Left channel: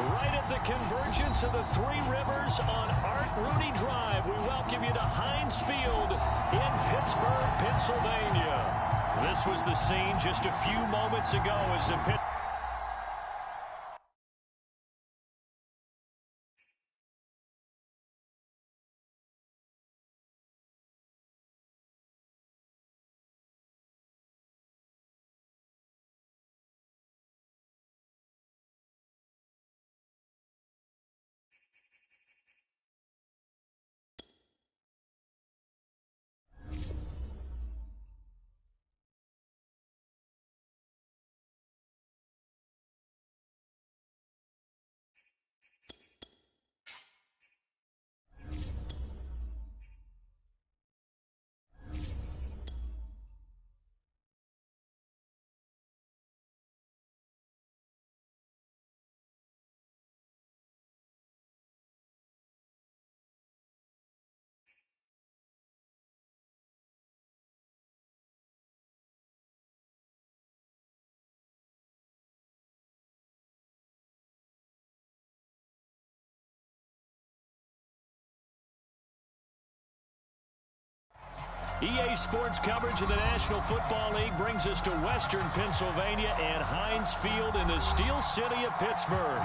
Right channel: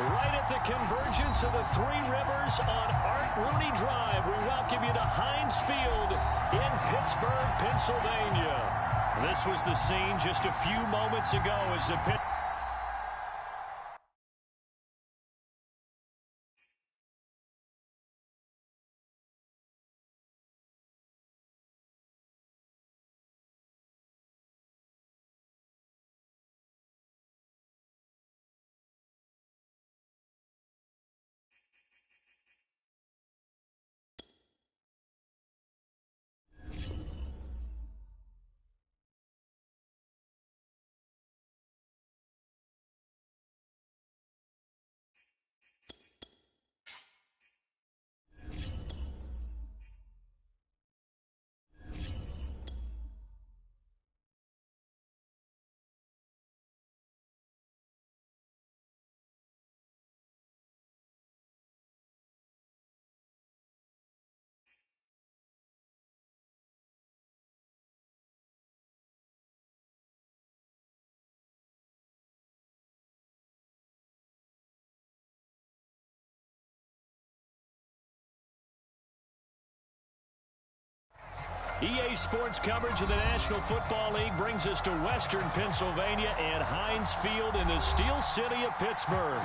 Right at the convergence of the Three Rivers on Art Rooney Drive, we welcome you to Heinz Field in Pittsburgh, Pennsylvania. This was the scene just a few moments ago as the EA Sports coverage of the National Football League brings us to Western Pennsylvania and Heinz Field in the Steel City of Pittsburgh.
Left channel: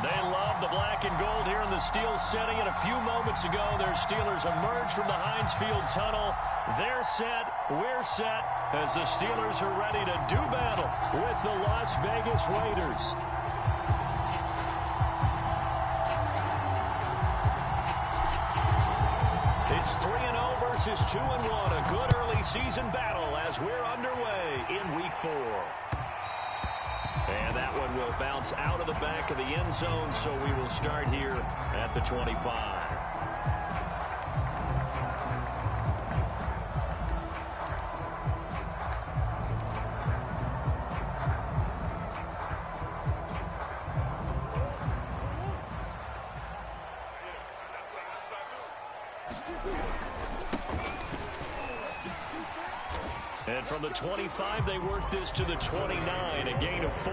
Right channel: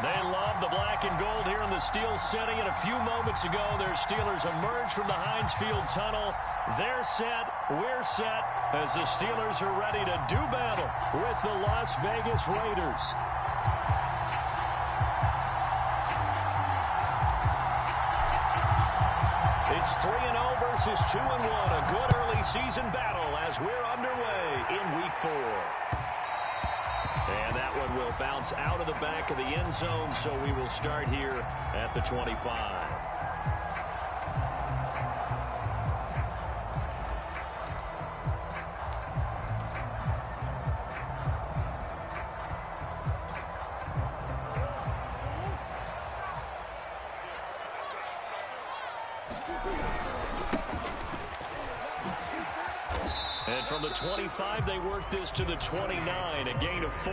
They love the black and gold here in the Steel City, and a few moments ago, their Steelers emerged from the Heinz Field tunnel. They're set, we're set, as the Steelers are ready to do battle with the Las Vegas Raiders. It's 3-0 versus 2-1. A good early season battle as we're underway in Week 4. And that one will bounce out of the back of the end zone, so we will start here at the 25. And from the 25, they work this to the 29, a gain of 4.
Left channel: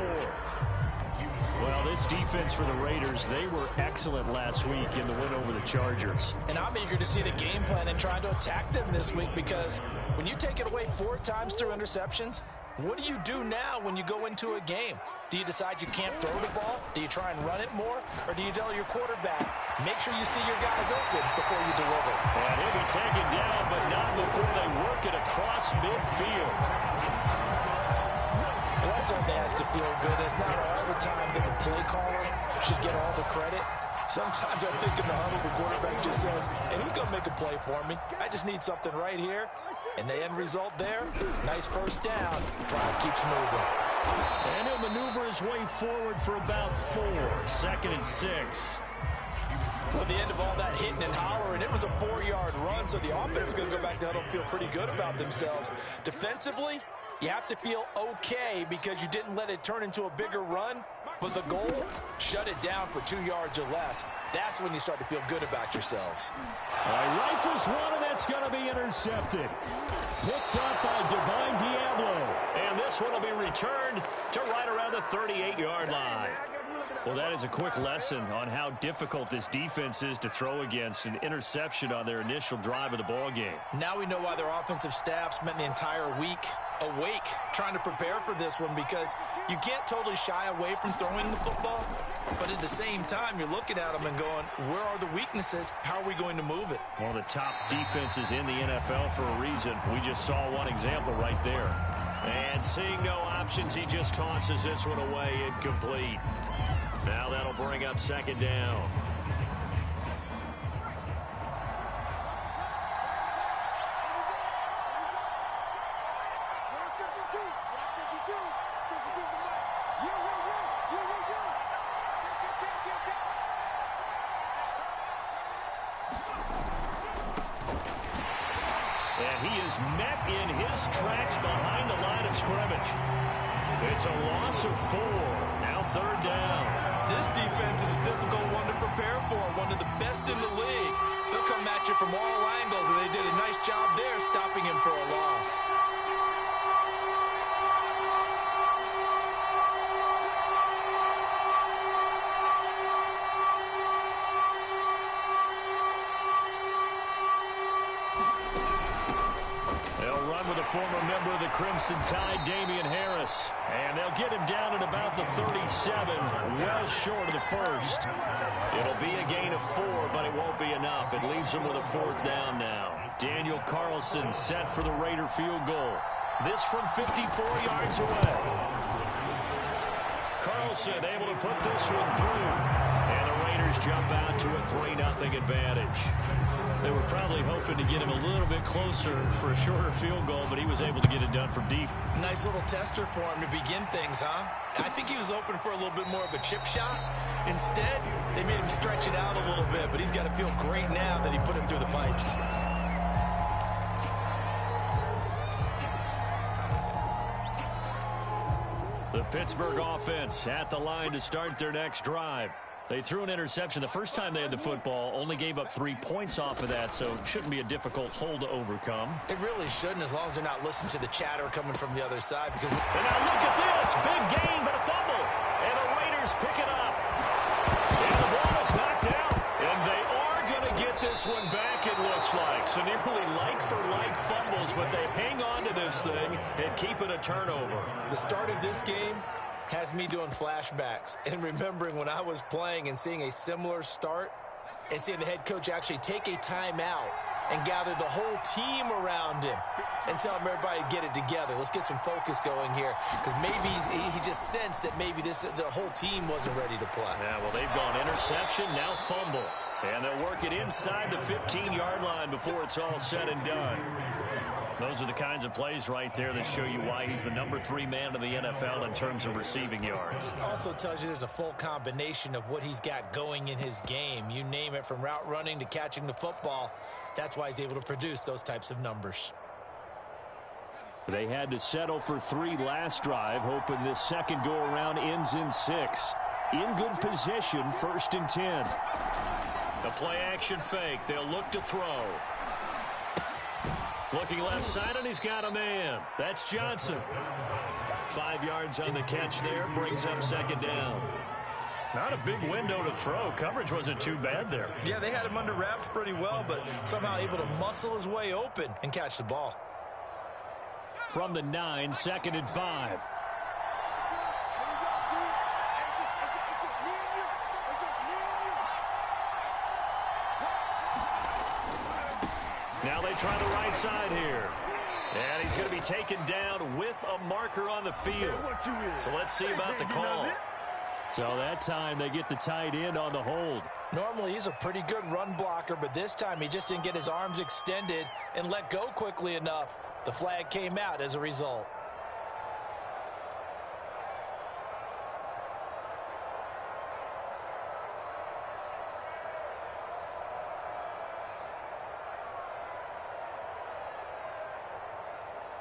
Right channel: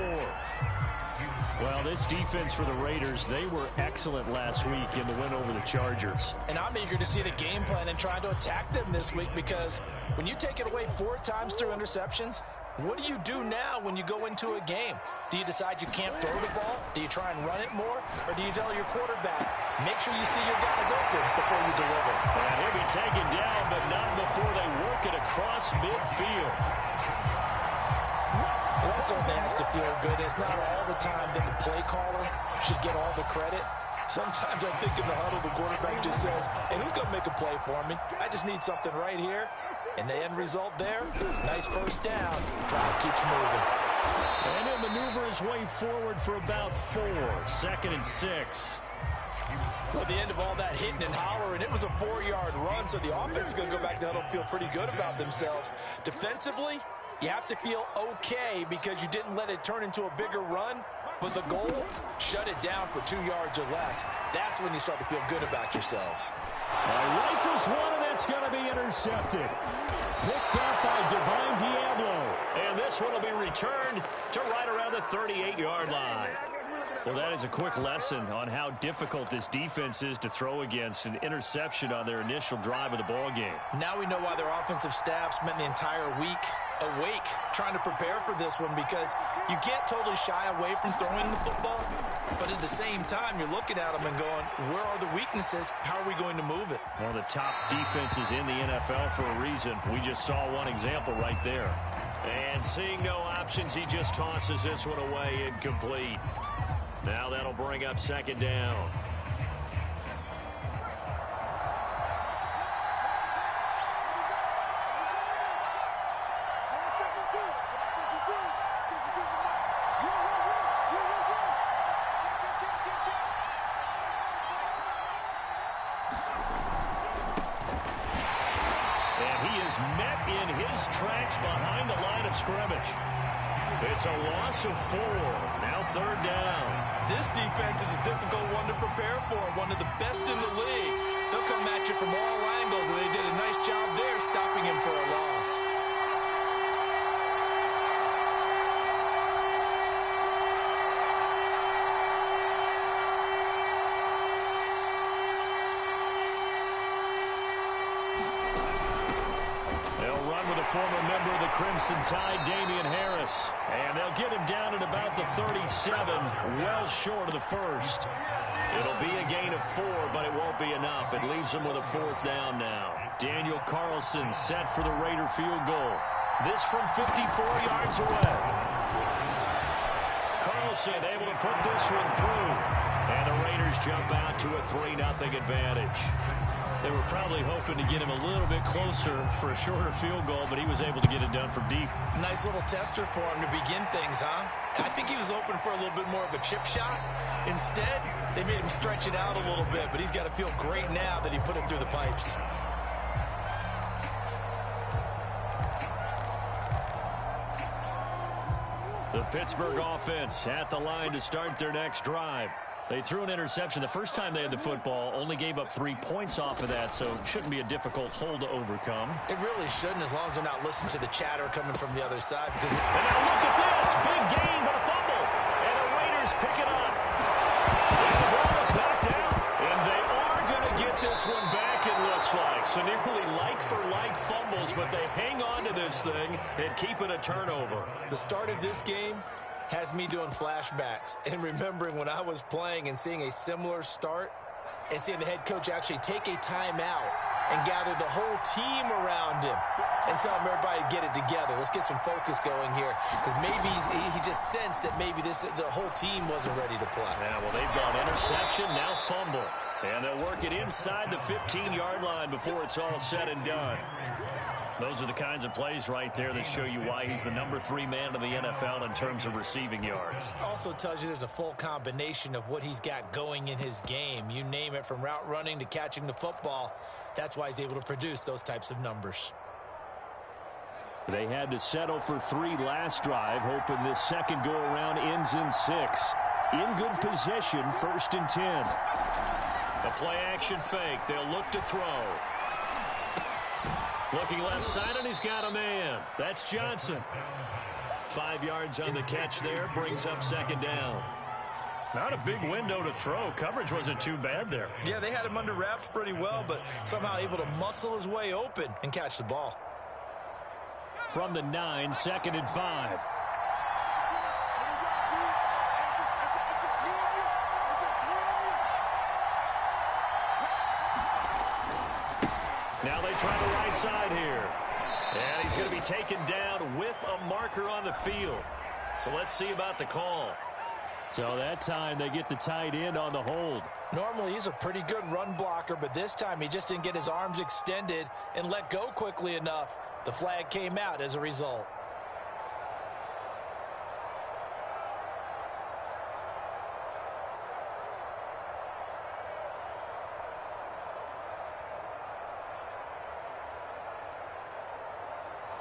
Well, this defense for the Raiders, they were excellent last week in the win over the Chargers. And I'm eager to see the game plan and trying to attack them this week, because when you take it away 4 times through interceptions, what do you do now when you go into a game? Do you decide you can't throw the ball? Do you try and run it more? Or do you tell your quarterback, make sure you see your guys open before you deliver? And he'll be taken down, but not before they work it across midfield. Well, that certainly has to feel good. It's not all the time that the play caller should get all the credit. Sometimes I think in the huddle, the quarterback just says, hey, who's going to make a play for me? I just need something right here. And the end result there, nice first down. Drive keeps moving. And he'll maneuver his way forward for about 4. 2nd and 6. Well, at the end of all that hitting and hollering, it was a 4-yard run, so the offense is going to go back to huddle and feel pretty good about themselves. Defensively, you have to feel okay because you didn't let it turn into a bigger run, but the goal, shut it down for 2 yards or less. That's when you start to feel good about yourselves. All right, rifles one, and that's going to be intercepted. Picked up by Divine Diablo. And this one will be returned to right around the 38-yard line. Well, that is a quick lesson on how difficult this defense is to throw against. An interception on their initial drive of the ball game. Now we know why their offensive staff spent the entire week awake trying to prepare for this one, because you can't totally shy away from throwing the football, but at the same time you're looking at them and going, where are the weaknesses? How are we going to move it? One of the top defenses in the NFL for a reason. We just saw one example right there. And seeing no options, he just tosses this one away, incomplete. Now that'll bring up 2nd down. And he is met in his tracks behind the line of scrimmage. It's a loss of 4. Now 3rd down. This defense is a difficult one to prepare for, one of the best in the league. They'll come at you from all angles, and they did a nice job there stopping him for a loss. run with a former member of the Crimson Tide, Damian Harris. And they'll get him down at about the 37, well short of the first. It'll be a gain of 4, but it won't be enough. It leaves them with a 4th down now. Daniel Carlson set for the Raider field goal. This from 54 yards away. Carlson able to put this one through. And the Raiders jump out to a 3-0 advantage. They were probably hoping to get him a little bit closer for a shorter field goal, but he was able to get it done from deep. Nice little tester for him to begin things, huh? I think he was hoping for a little bit more of a chip shot. Instead, they made him stretch it out a little bit, but he's got to feel great now that he put it through the pipes. The Pittsburgh offense at the line to start their next drive. They threw an interception the first time they had the football, only gave up 3 points off of that, so it shouldn't be a difficult hole to overcome. It really shouldn't, as long as they're not listening to the chatter coming from the other side. Because and now look at this. Big gain, but a fumble. And the Raiders pick it up. And the ball is knocked out. And they are going to get this one back, it looks like. So nearly like-for-like fumbles, but they hang on to this thing and keep it a turnover. The start of this game has me doing flashbacks and remembering when I was playing and seeing a similar start and seeing the head coach actually take a timeout and gather the whole team around him and tell him everybody to get it together. Let's get some focus going here, because maybe he just sensed that maybe the whole team wasn't ready to play. Yeah, well, they've gone interception, now fumble. And they'll work it inside the 15-yard line before it's all said and done. Those are the kinds of plays right there that show you why he's the number 3 man in the NFL in terms of receiving yards. Also tells you there's a full combination of what he's got going in his game. You name it, from route running to catching the football. That's why he's able to produce those types of numbers. They had to settle for 3 last drive, hoping this second go-around ends in 6. In good position, 1st and 10. The play-action fake. They'll look to throw. Looking left side, and he's got a man. That's Johnson. 5 yards on the catch there. Brings up 2nd down. Not a big window to throw. Coverage wasn't too bad there. Yeah, they had him under wraps pretty well, but somehow able to muscle his way open and catch the ball. From the 9, 2nd and 5. Now they try the right side here. And he's going to be taken down with a marker on the field. So let's see about the call. So that time they get the tight end on the hold. Normally he's a pretty good run blocker, but this time he just didn't get his arms extended and let go quickly enough. The flag came out as a result.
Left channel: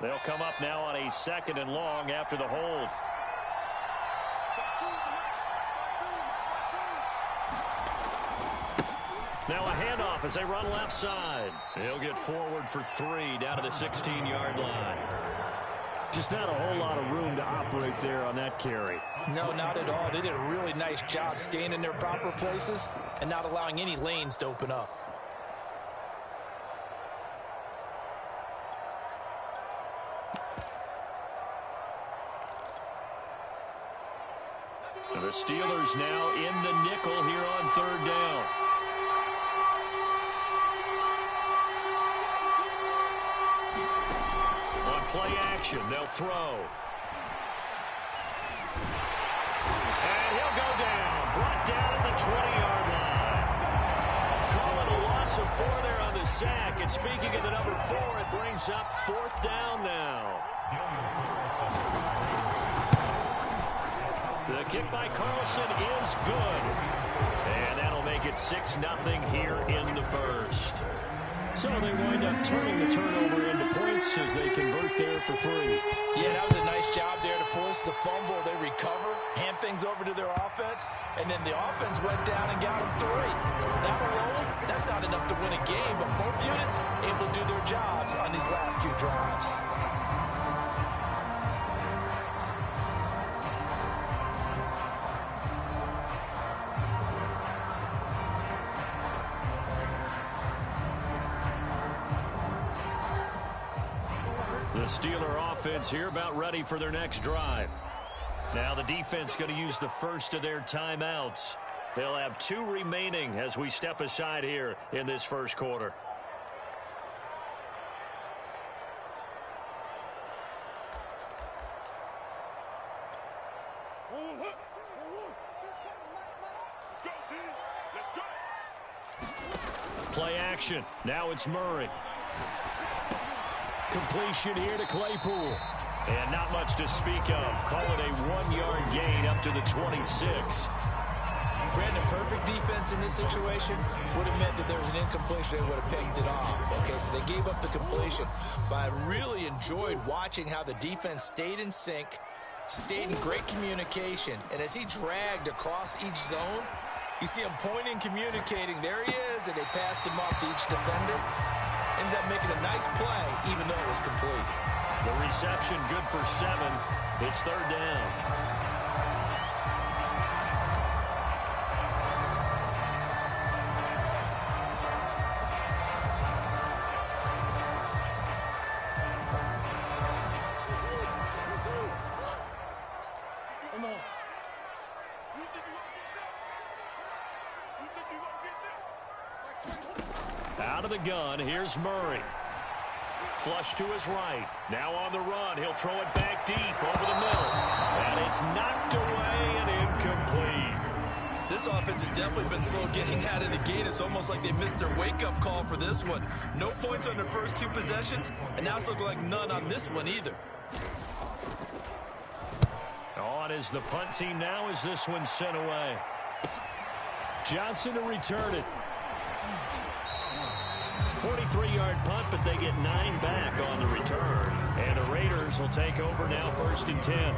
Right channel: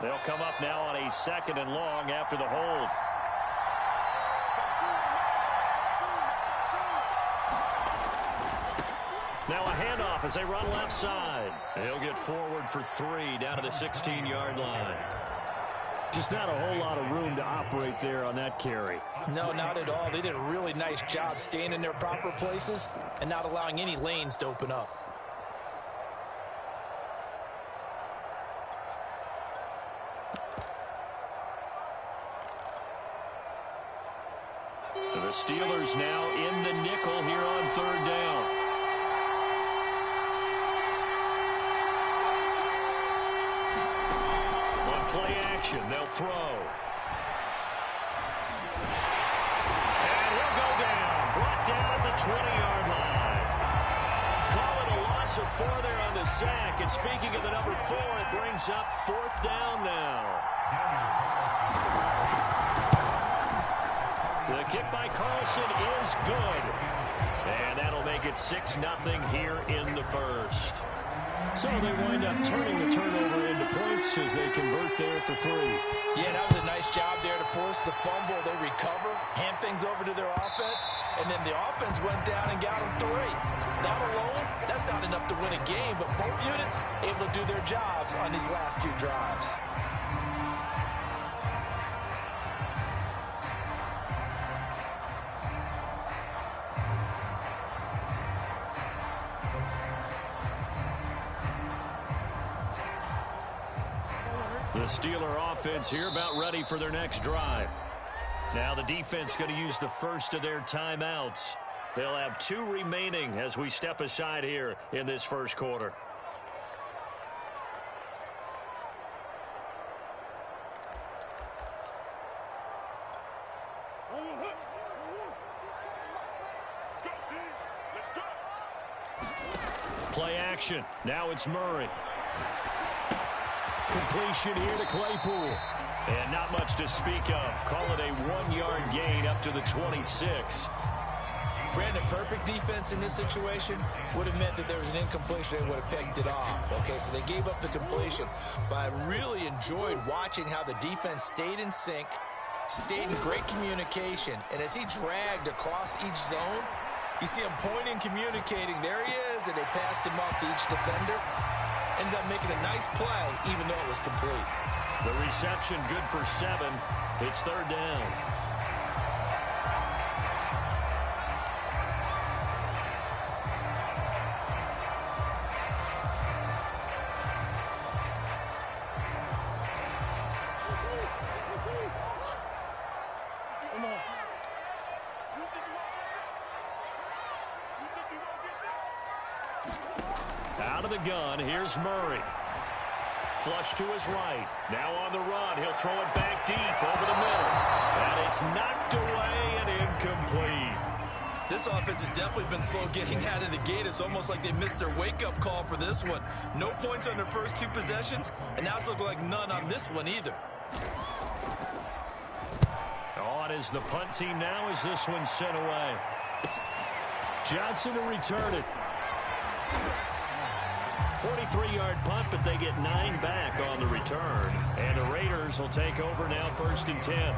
They'll come up now on a 2nd and long after the hold. Now a handoff as they run left side. He'll get forward for 3 down to the 16-yard line. Just not a whole lot of room to operate there on that carry. No, not at all. They did a really nice job staying in their proper places and not allowing any lanes to open up. The Steelers now in the nickel here on 3rd down. On play action, they'll throw. And he'll go down. Brought down at the 20-yard line. Call it a loss of 4 there on the sack. And speaking of the number 4, it brings up 4th down now. The kick by Carlson is good. And that'll make it 6-0 here in the first. So they wind up turning the turnover into points as they convert there for 3. Yeah, that was a nice job there to force the fumble. They recover, hand things over to their offense, and then the offense went down and got them 3. That alone, that's not enough to win a game, but both units able to do their jobs on these last 2 drives. The Steeler offense here about ready for their next drive. Now the defense going to use the first of their timeouts. They'll have 2 remaining as we step aside here in this first quarter. Play action. Now it's Murray. Completion here to Claypool. And not much to speak of. Call it a 1-yard gain up to the 26. Brandon, perfect defense in this situation would have meant that there was an incompletion. They would have picked it off. Okay, so they gave up the completion. But I really enjoyed watching how the defense stayed in sync, stayed in great communication. And as he dragged across each zone, you see him pointing, communicating. There he is, and they passed him off to each defender. Ended up making a nice play, even though it was complete. The reception good for 7. It's 3rd down. Out of the gun, here's Murray. Flush to his right. Now on the run. He'll throw it back deep over the middle. And it's knocked away and incomplete. This offense has definitely been slow getting out of the gate. It's almost like they missed their wake-up call for this one. No points on their first 2 possessions, and now it's looking like none on this one either. On is the punt team now as this one's sent away. Johnson to return it. 43-yard punt, but they get 9 back on the return. And the Raiders will take over now 1st and 10.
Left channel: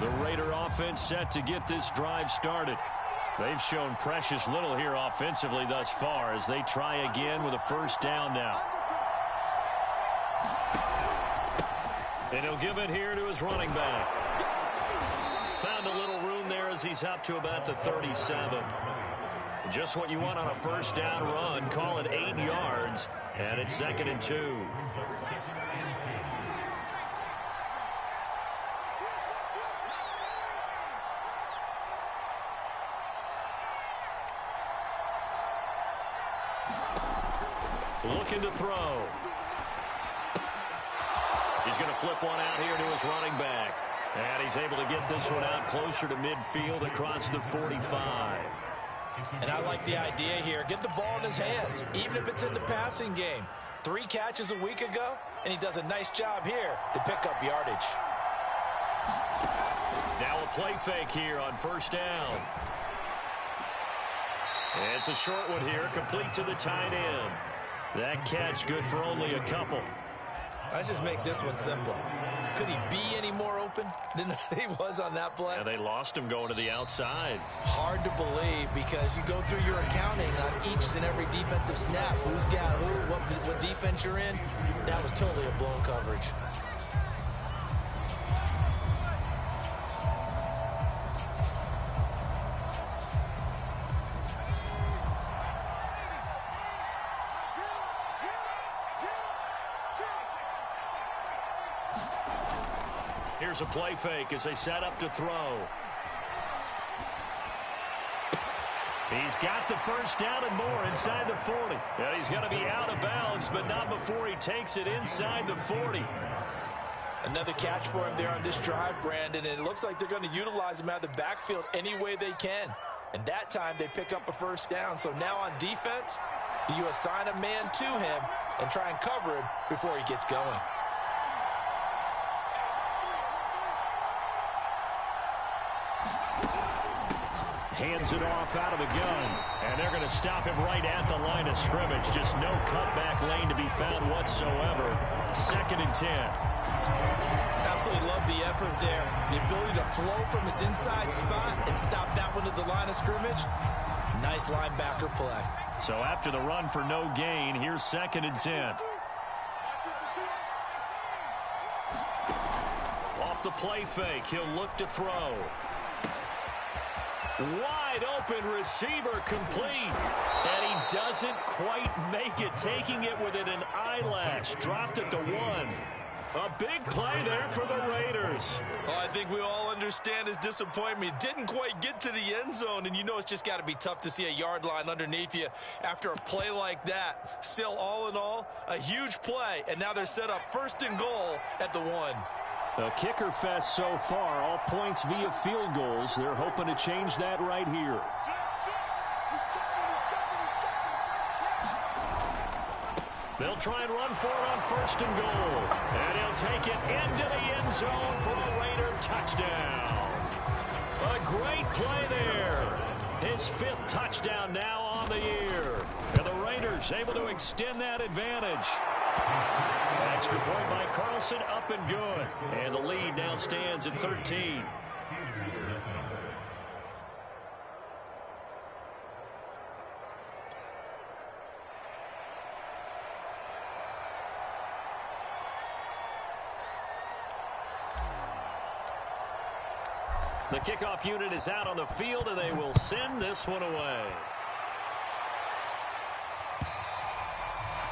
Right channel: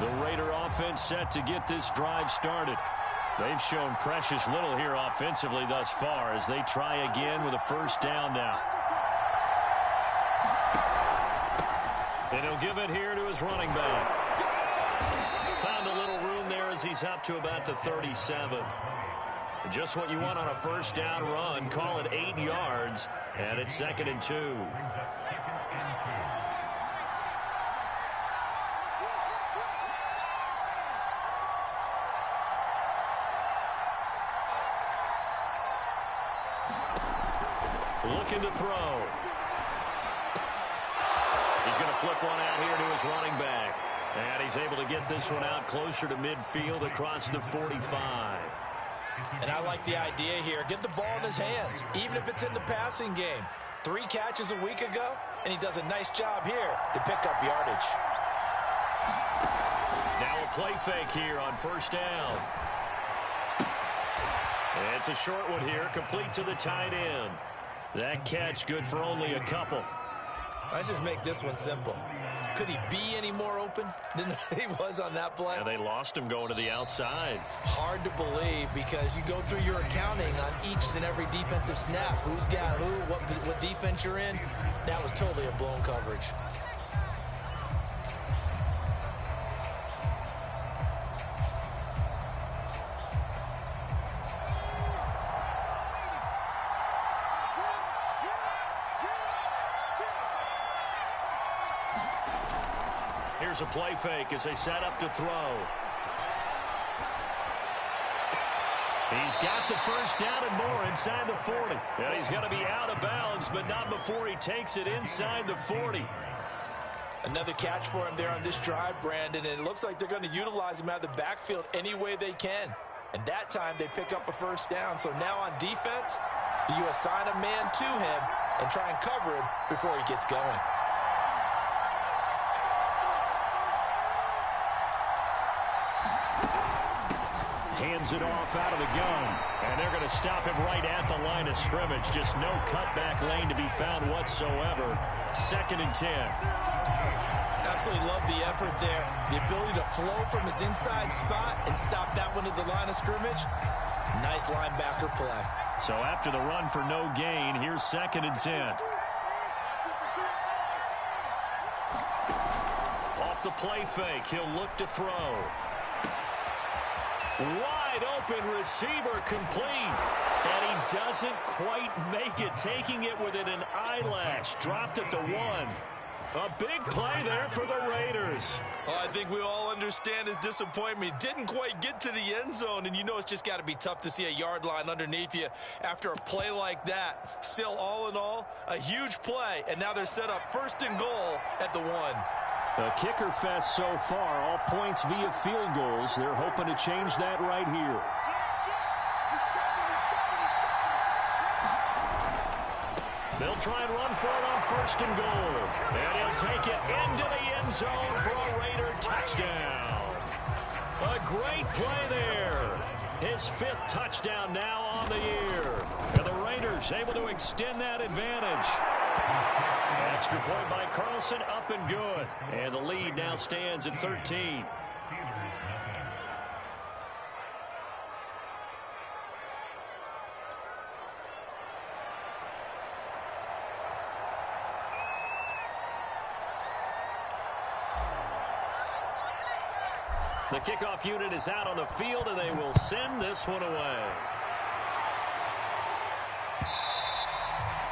The Raider offense set to get this drive started. They've shown precious little here offensively thus far as they try again with a 1st down now. And he'll give it here to his running back. Found a little room there as he's up to about the 37. Just what you want on a 1st down run. Call it 8 yards, and it's 2nd and 2. Looking to throw. He's going to flip one out here to his running back. And he's able to get this one out closer to midfield across the 45. And I like the idea here. Get the ball in his hands, even if it's in the passing game. 3 catches a week ago, and he does a nice job here to pick up yardage. Now a play fake here on 1st down. It's a short one here, complete to the tight end. That catch good for only a couple. Let's just make this one simple. Could he be any more open than he was on that play? Yeah, they lost him going to the outside. Hard to believe because you go through your accounting on each and every defensive snap. Who's got who, what defense you're in. That was totally a blown coverage. Here's a play fake as they set up to throw. He's got the 1st down and more inside the 40. And he's going to be out of bounds, but not before he takes it inside the 40. Another catch for him there on this drive, Brandon, and it looks like they're going to utilize him out of the backfield any way they can. And that time they pick up a 1st down. So now on defense, do you assign a man to him and try and cover him before he gets going? Hands it off out of the gun. And they're going to stop him right at the line of scrimmage. Just no cutback lane to be found whatsoever. 2nd and 10. Absolutely love the effort there. The ability to flow from his inside spot and stop that one at the line of scrimmage. Nice linebacker play. So after the run for no gain, here's 2nd and 10. the play fake. He'll look to throw. Wide open receiver complete. And he doesn't quite make it, taking it within an eyelash. Dropped at the 1. A big play there for the Raiders. Oh, I think we all understand his disappointment. Didn't quite get to the end zone, and you know it's just got to be tough to see a yard line underneath you after a play like that. Still, all in all, a huge play, and now they're set up 1st and goal at the 1. A kicker fest so far, all points via field goals. They're hoping to change that right here. They'll try and run for it on 1st and goal. And he'll take it into the end zone for a Raider touchdown. A great play there. His 5th touchdown now on the year. And the Raiders able to extend that advantage. Extra point by Carlson, up and good. And the lead now stands at 13. The kickoff unit is out on the field, and they will send this one away.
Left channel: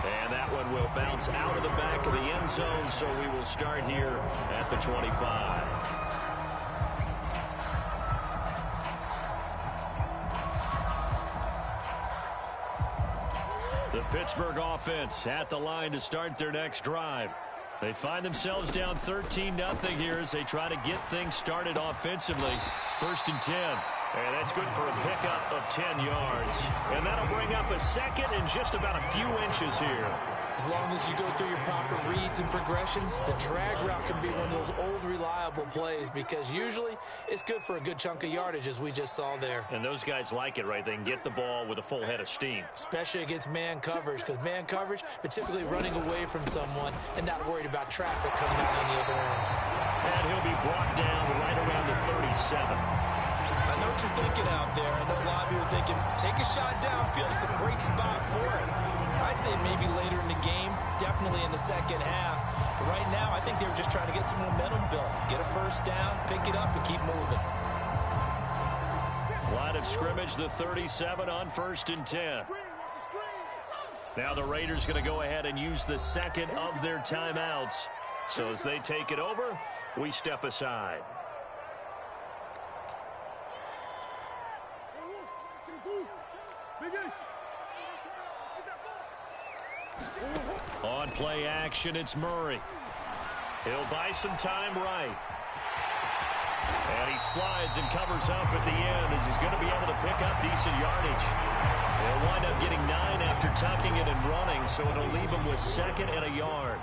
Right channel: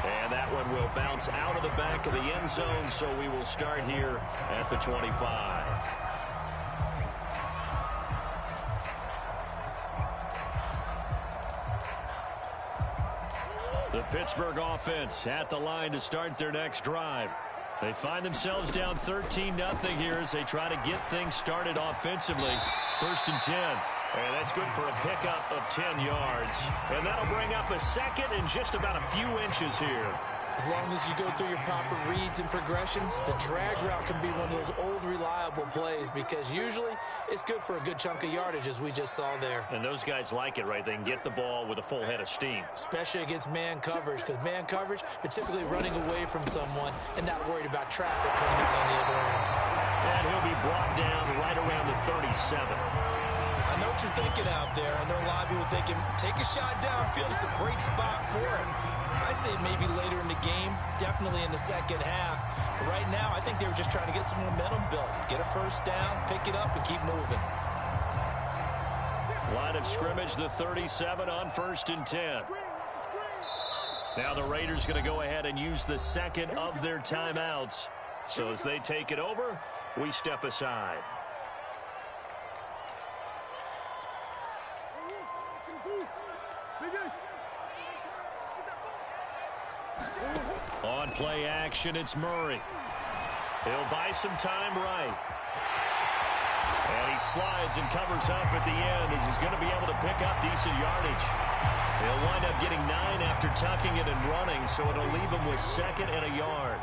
And that one will bounce out of the back of the end zone, so we will start here at the 25. The Pittsburgh offense at the line to start their next drive. They find themselves down 13-0 here as they try to get things started offensively. 1st and 10. And that's good for a pickup of 10 yards. And that'll bring up a 2nd and just about a few inches here. As long as you go through your proper reads and progressions, the drag route can be one of those old reliable plays because usually it's good for a good chunk of yardage, as we just saw there. And those guys like it, right? They can get the ball with a full head of steam. Especially against man coverage, because man coverage, they're typically running away from someone and not worried about traffic coming out on the other end. And he'll be brought down right around the 37. I know what you're thinking out there. I know a lot of you are thinking, take a shot downfield. It's a great spot for it. I'd say maybe later in the game, definitely in the second half. But right now, I think they were just trying to get some momentum built. Get a 1st down, pick it up, and keep moving. Line of scrimmage, the 37 on 1st and 10. Now the Raiders going to go ahead and use the 2nd of their timeouts. So as they take it over, we step aside. On play action, it's Murray. He'll buy some time right. And he slides and covers up at the end as he's going to be able to pick up decent yardage. He'll wind up getting 9 after tucking it and running, so it'll leave him with 2nd and a yard.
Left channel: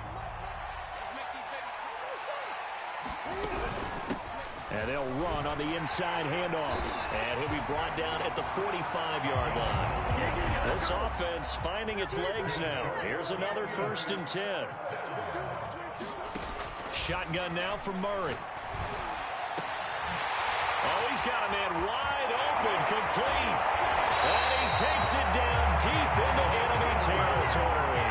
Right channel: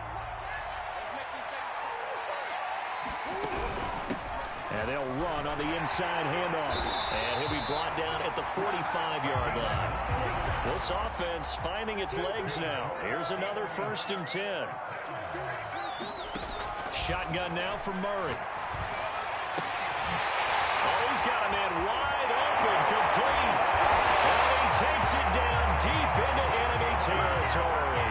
And they'll run on the inside handoff. And he'll be brought down at the 45-yard line. This offense finding its legs now. Here's another 1st and 10. Shotgun now for Murray. Oh, he's got a man wide open, complete. And he takes it down deep into enemy territory.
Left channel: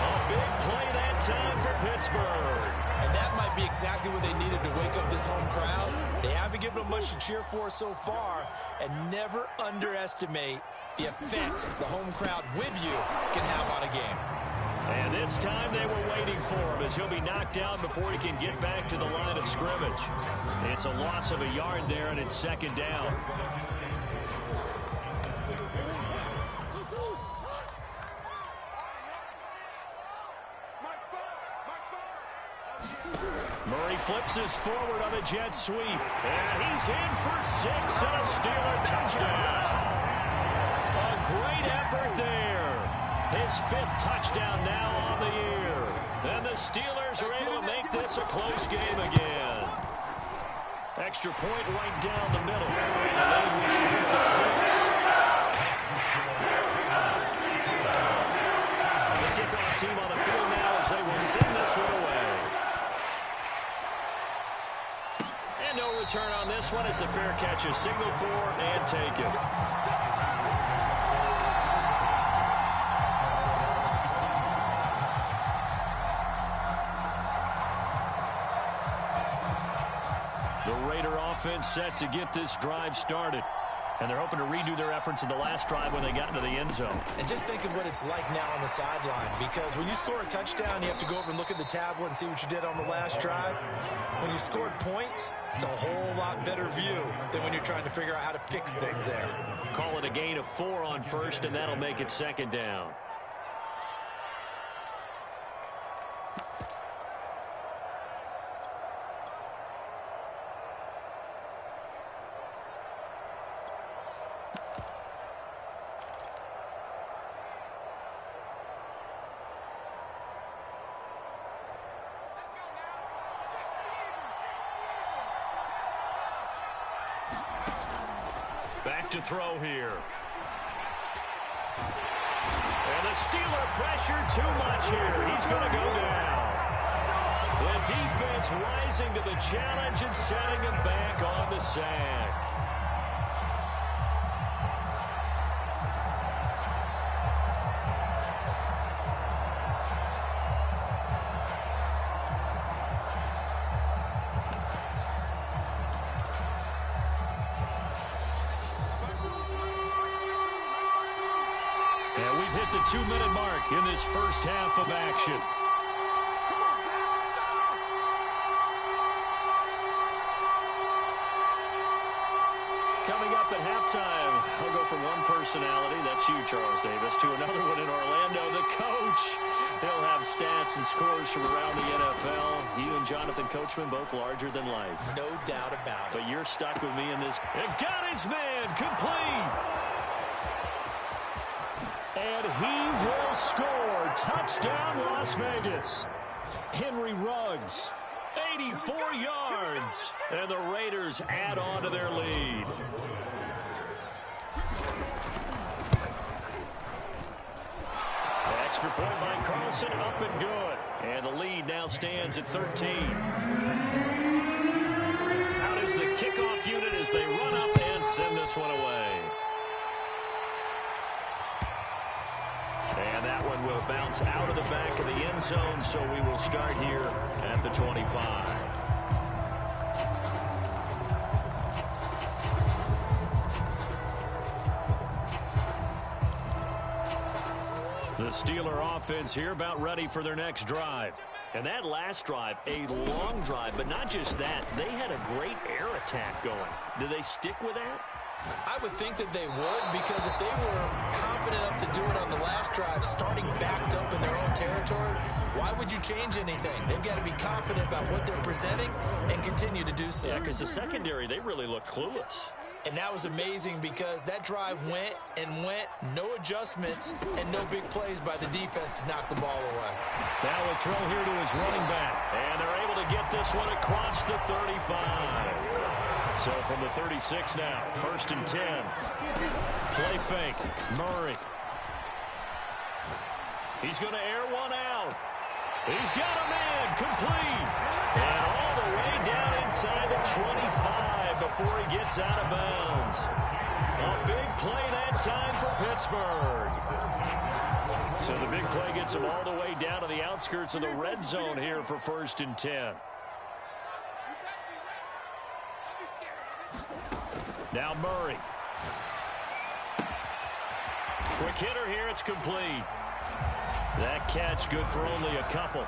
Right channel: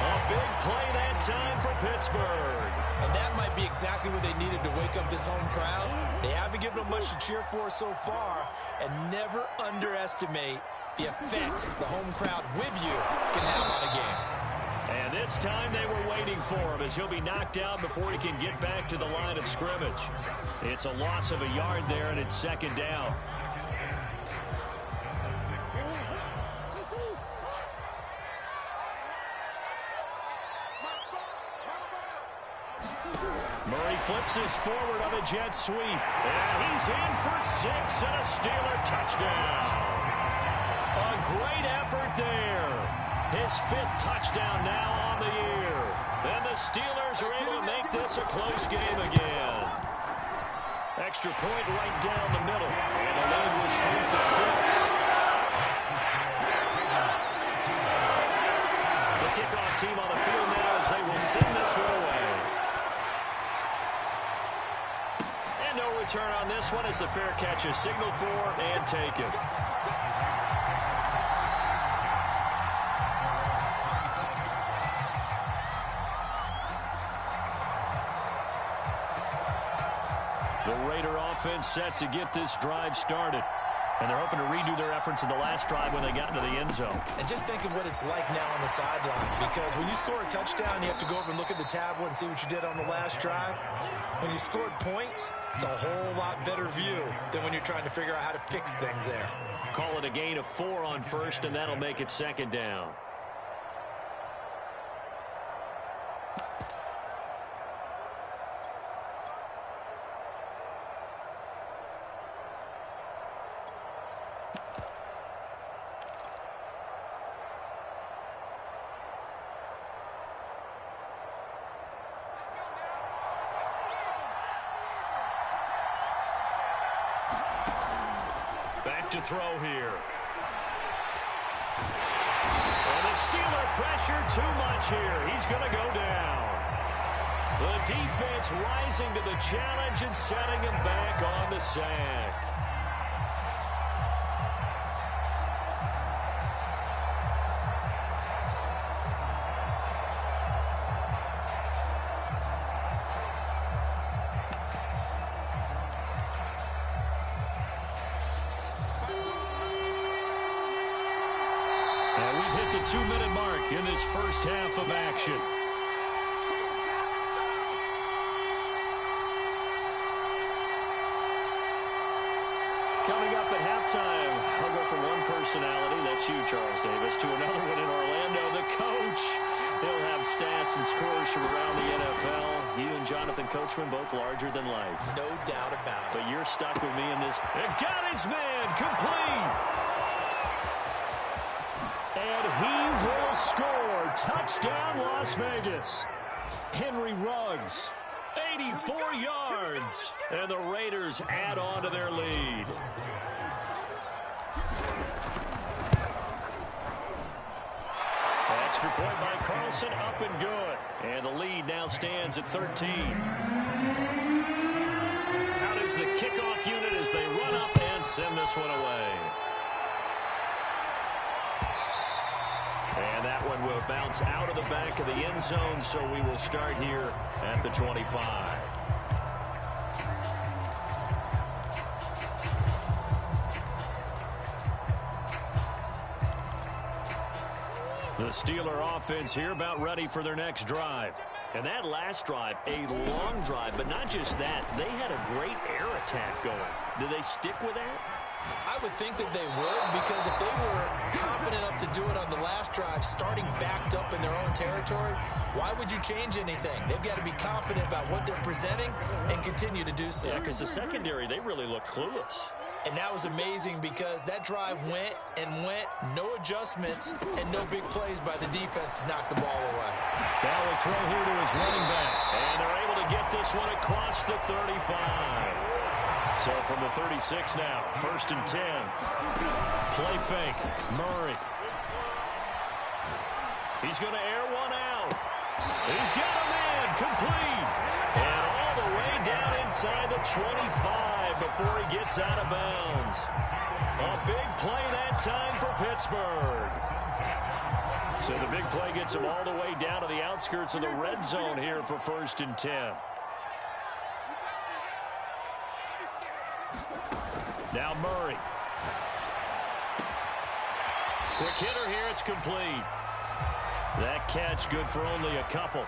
A big play that time for Pittsburgh. And that might be exactly what they needed to wake up this home crowd. They haven't given them much to cheer for so far. And never underestimate the effect the home crowd with you can have on a game. And this time they were waiting for him as he'll be knocked down before he can get back to the line of scrimmage. It's a loss of a yard there, and it's 2nd down. Murray flips his forward on a jet sweep. And he's in for 6 and a Steeler touchdown. A great effort there. His 5th touchdown now on the year. And the Steelers are able to make this a close game again. Extra point right down the middle. And the lead will shrink to 6. The kickoff team on the field now as they will send this one away. And no return on this one as the fair catch is signaled for and taken. The Raider offense set to get this drive started. And they're hoping to redo their efforts in the last drive when they got into the end zone. And just think of what it's like now on the sideline, because when you score a touchdown, you have to go over and look at the tablet and see what you did on the last drive. When you scored points, it's a whole lot better view than when you're trying to figure out how to fix things there. Call it a gain of 4 on first, and that'll make it second down. Back to throw here. And the Steeler pressure too much here. He's going to go down. The defense rising to the challenge and setting him back on the sack. And we've hit the 2-minute mark in this first half of action. Coming up at halftime, I'll go from one personality, that's you, Charles Davis, to another one in Orlando, the coach. He'll have stats and scores from around the NFL. You and Jonathan Coachman, both larger than life. No doubt about it. But you're stuck with me in this. It got his man complete. And he will score. Touchdown, Las Vegas. Henry Ruggs, 84 yards. And the Raiders add on to their lead. Extra point by Carlson, up and good. And the lead now stands at 13. Out is the kickoff unit as they run up and send this one away. And that one will bounce out of the back of the end zone, so we will start here at the 25. The Steeler offense here about ready for their next drive. And that last drive, a long drive, but not just that. They had a great air attack going. Do they stick with that? I would think that they would, because if they were confident enough to do it on the last drive, starting backed up in their own territory, why would you change anything? They've got to be confident about what they're presenting and continue to do so. Yeah, because the secondary, they really look clueless. And that was amazing because that drive went and went, no adjustments and no big plays by the defense to knock the ball away. Now a throw here to his running back. And they're able to get this one across the 35. So from the 36 now, 1st and 10. Play fake, Murray. He's going to air one out. He's got a man, complete. And all the way down inside the 25 before he gets out of bounds. A big play that time for Pittsburgh. So the big play gets him all the way down to the outskirts of the red zone here for 1st and 10. Now Murray. Quick hitter here, it's complete. That catch good for only a couple.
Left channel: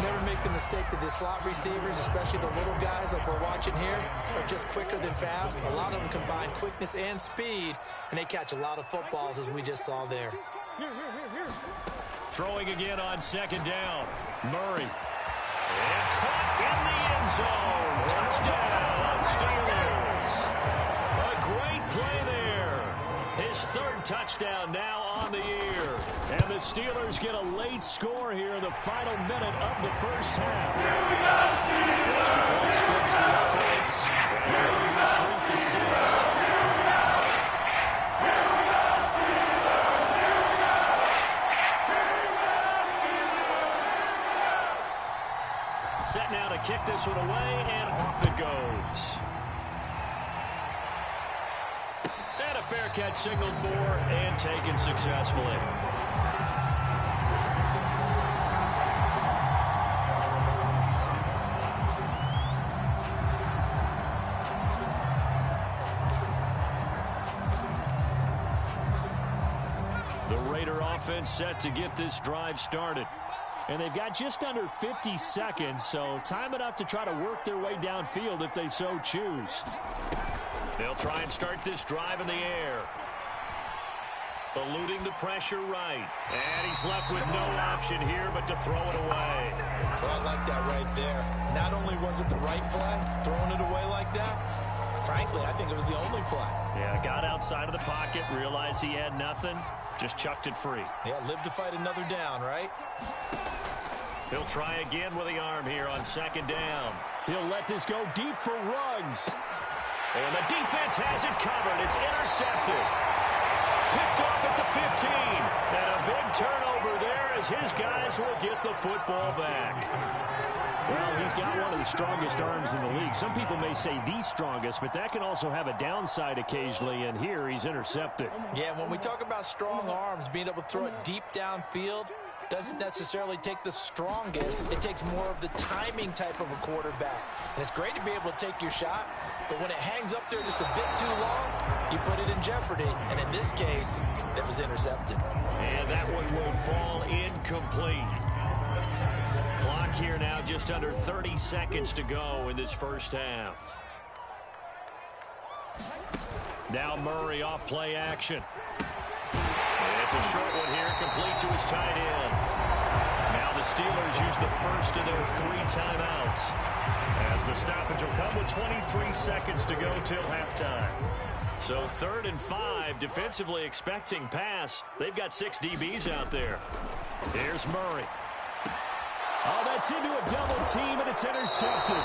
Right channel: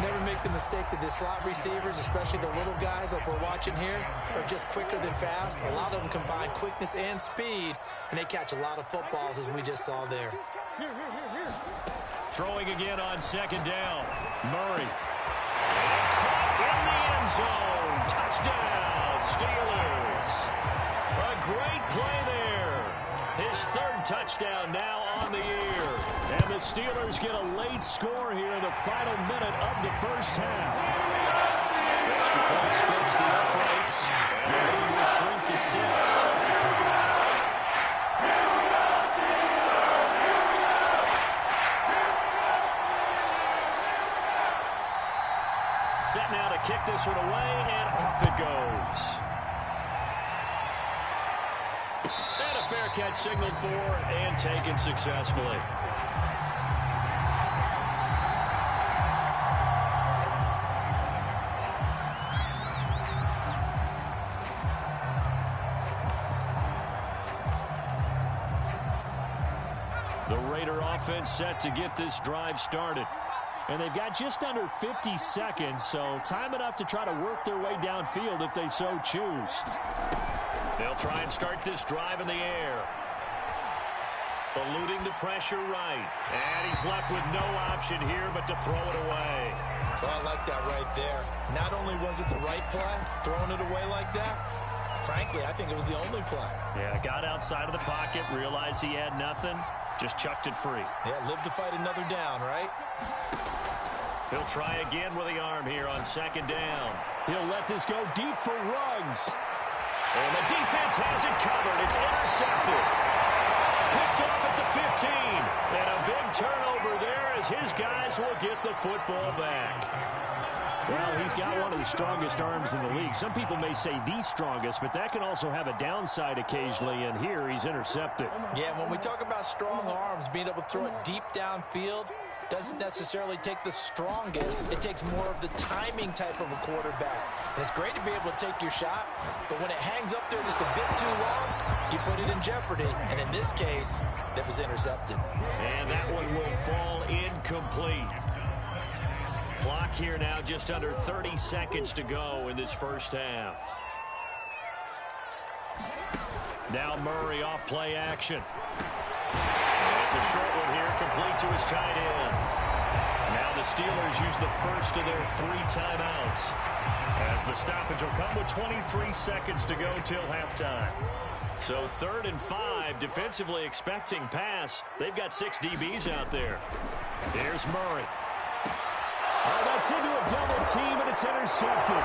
Never make the mistake that the slot receivers, especially the little guys like we're watching here, are just quicker than fast. A lot of them combine quickness and speed, and they catch a lot of footballs, as we just saw there. Throwing again on 2nd down. Murray. And caught in the end zone. Touchdown, Steelers. A great play there. His 3rd touchdown now on the year. And the Steelers get a late score here in the final minute of the first half. The extra point splits the uprights. And the lead will shrink to 6. Set now to kick this one away, and off it goes. And a fair catch signaled for and taken successfully. The Raider offense set to get this drive started. And they've got just under 50 seconds, so time enough to try to work their way downfield if they so choose. They'll try and start this drive in the air. Eluding the pressure right. And he's left with no option here but to throw it away. Well, I like that right there. Not only was it the right play, throwing it away like that, frankly, I think it was the only play. Yeah, got outside of the pocket, realized he had nothing, just chucked it free. Yeah, live to fight another down, right? He'll try again with the arm here on second down. He'll let this go deep for Ruggs. And the defense has it covered. It's intercepted. Picked off at the 15. And a big turnover there as his guys will get the football back. Well, he's got one of the strongest arms in the league. Some people may say the strongest, but that can also have a downside occasionally, and here he's intercepted. Yeah, when we talk about strong arms, being able to throw it deep downfield doesn't necessarily take the strongest. It takes more of the timing type of a quarterback. And it's great to be able to take your shot, but when it hangs up there just a bit too long, you put it in jeopardy. And in this case, it was intercepted. And that one will fall incomplete. Clock here now, just under 30 seconds to go in this first half. Now Murray off play action. It's a short one here, complete to his tight end. Now the Steelers use the first of their 3 timeouts, as the stoppage will come with 23 seconds to go till halftime. So 3rd and 5, defensively expecting pass. They've got 6 DBs out there. Here's Murray. Oh, that's into a double team, and it's intercepted.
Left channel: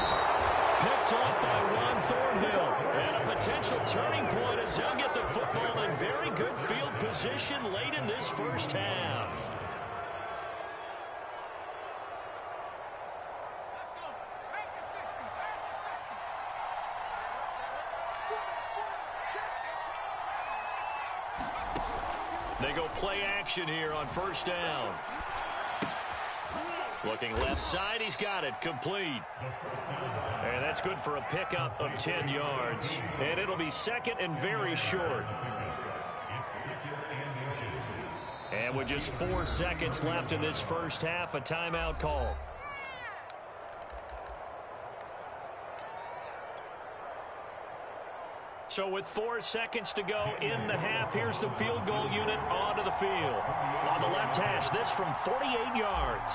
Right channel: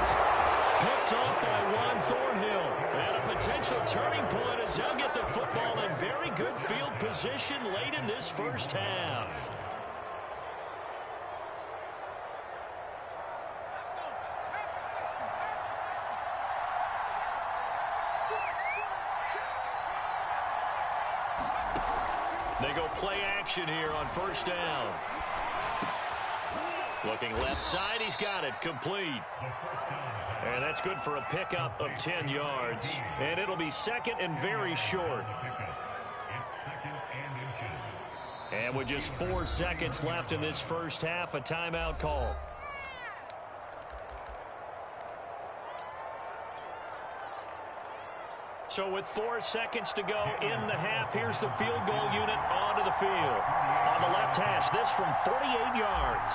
Picked off by Juan Thornhill. And a potential turning point as they'll get the football in very good field position late in this first half. They go play action here on first down. Looking left side, he's got it, complete. And that's good for a pickup of 10 yards. And it'll be second and very short. And with just 4 seconds left in this first half, a timeout call. So with 4 seconds to go in the half, here's the field goal unit onto the field. On the left hash, this from 48 yards.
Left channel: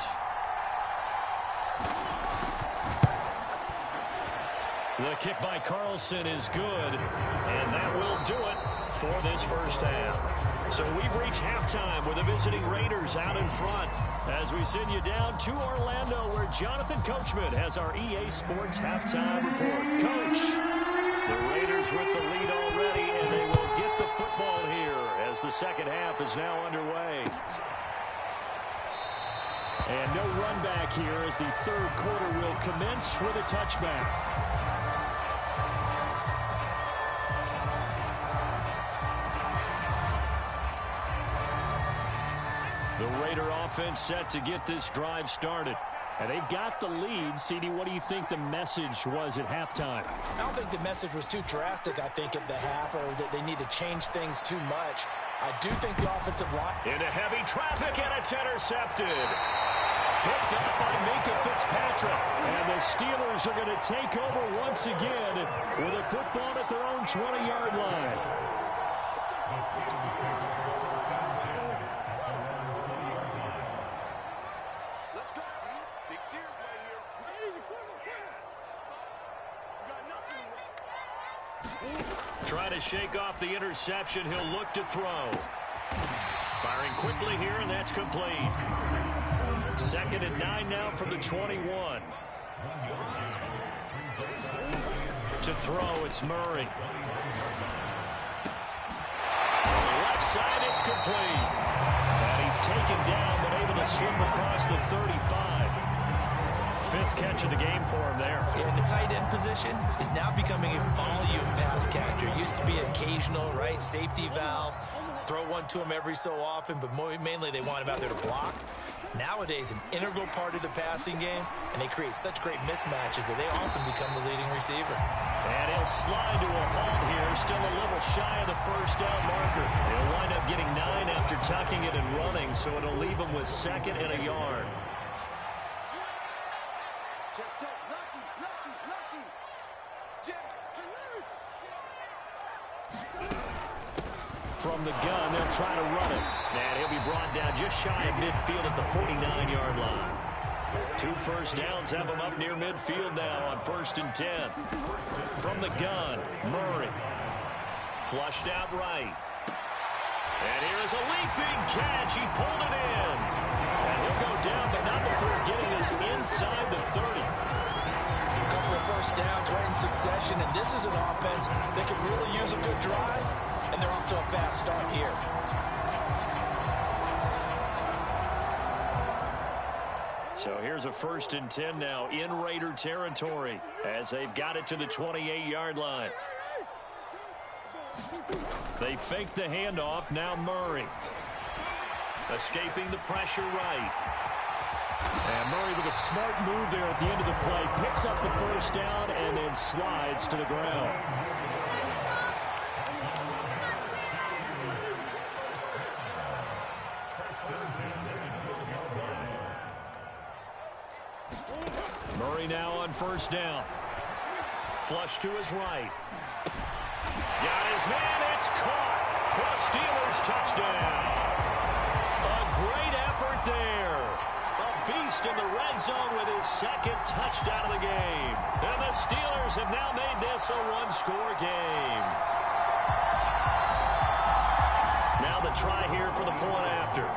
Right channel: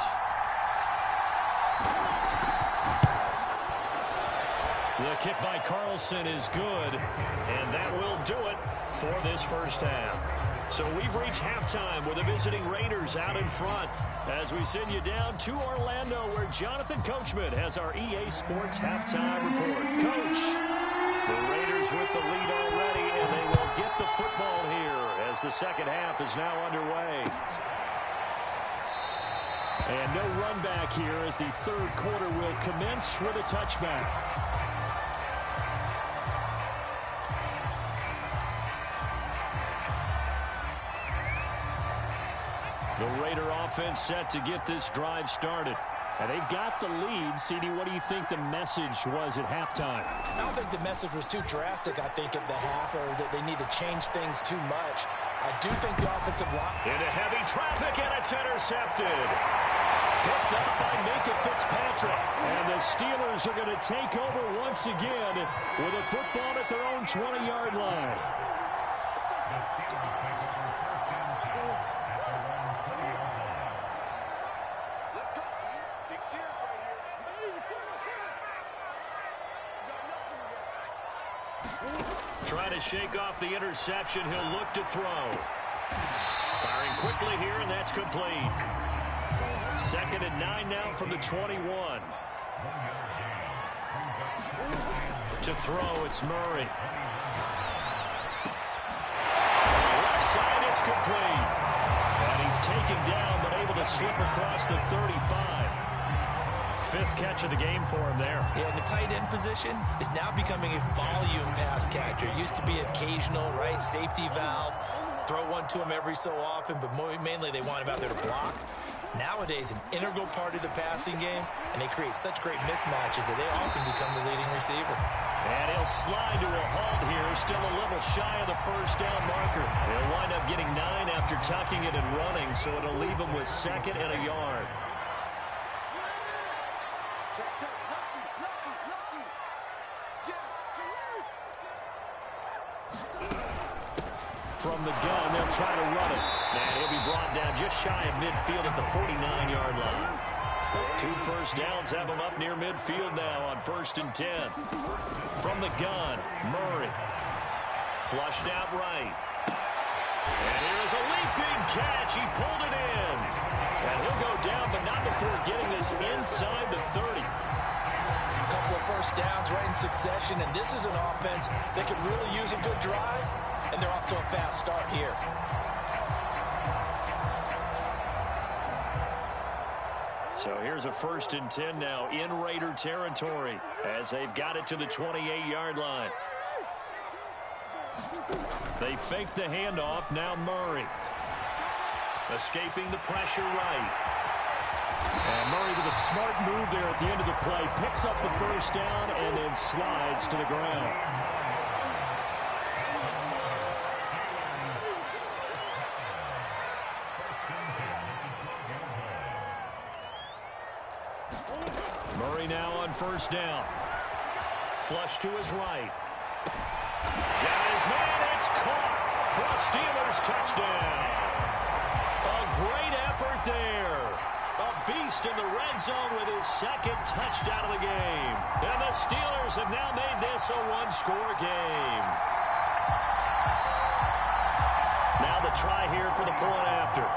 The kick by Carlson is good, and that will do it for this first half. So we've reached halftime with the visiting Raiders out in front as we send you down to Orlando, where Jonathan Coachman has our EA Sports halftime report. Coach, the Raiders with the lead already, and they will get the football here as the second half is now underway. And no run back here as the 3rd quarter will commence with a touchback. The Raider offense set to get this drive started. And they've got the lead. CD, what do you think the message was at halftime? I don't think the message was too drastic, I think, at the half, or that they need to change things too much. I do think the offensive line... Into heavy traffic, and it's intercepted. Picked up by Minkah Fitzpatrick. And the Steelers are going to take over once again with a football at their own 20-yard line. Trying to shake off the interception. He'll look to throw. Firing quickly here, and that's complete. 2nd and 9 now from the 21. To throw, it's Murray. On the left side, it's complete. And he's taken down, but able to slip across the 35. 5th catch of the game for him there. Yeah, and the tight end position is now becoming a volume pass catcher. It used to be occasional, right? Safety valve. Throw one to him every so often, but mainly they want him out there to block. Nowadays, an integral part of the passing game, and they create such great mismatches that they often become the leading receiver. And he'll slide to a halt here, still a little shy of the first down marker. He'll wind up getting 9 after tucking it and running, so it'll leave him with 2nd and a yard. From the gun, they'll try to run it. And he'll be brought down just shy of midfield at the 49-yard line. 2 first downs have him up near midfield now on 1st and 10. From the gun, Murray. Flushed out right. And here's a leaping catch. He pulled it in. And he'll go down, but not before getting this inside the 30. A couple of first downs right in succession, and this is an offense that can really use a good drive, and they're off to a fast start here. So here's a 1st and 10 now in Raider territory as they've got it to the 28-yard line. They fake the handoff. Now Murray. Escaping the pressure right. And Murray with a smart move there at the end of the play. Picks up the first down and then slides to the ground. Murray now on 1st down. Flush to his right. Got his man. It's caught for a Steelers touchdown. A great effort there. A beast in the red zone with his 2nd touchdown of the game. And the Steelers have now made this a 1-score game. Now the try here for the point after.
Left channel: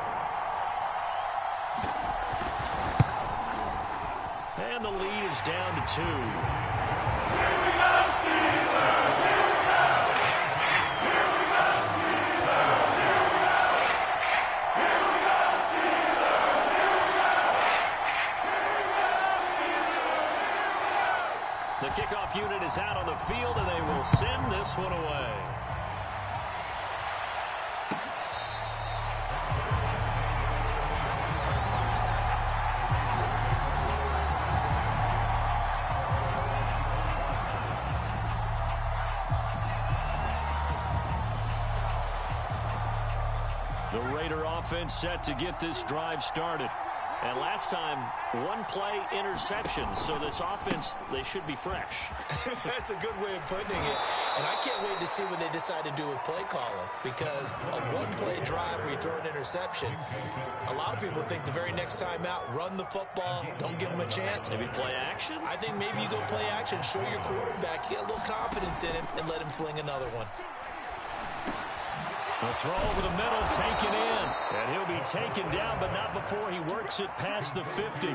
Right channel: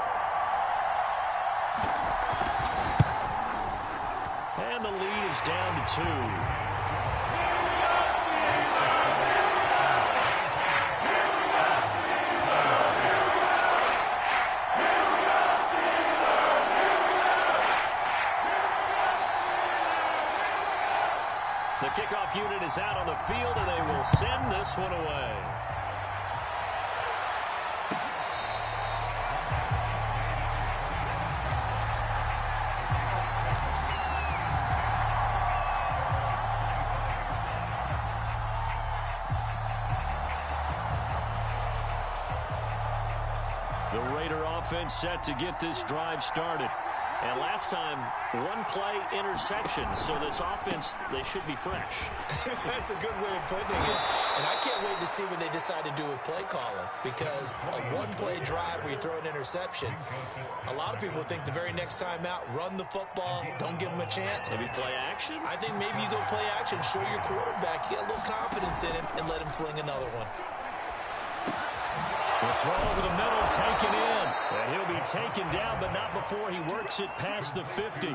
And the lead is down to 2. The kickoff unit is out on the field, and they will send this one away. The Raider offense set to get this drive started. And last time, 1-play interception. So this offense, they should be fresh. That's a good way of putting it. And I can't wait to see what they decide to do with play calling. Because a 1-play drive where you throw an interception, a lot of people think the very next time out, run the football, don't give them a chance. Maybe play action? I think maybe you go play action, show your quarterback, you get a little confidence in him, and let him fling another one. The throw over the middle, taken in. And he'll be taken down, but not before he works it past the 50.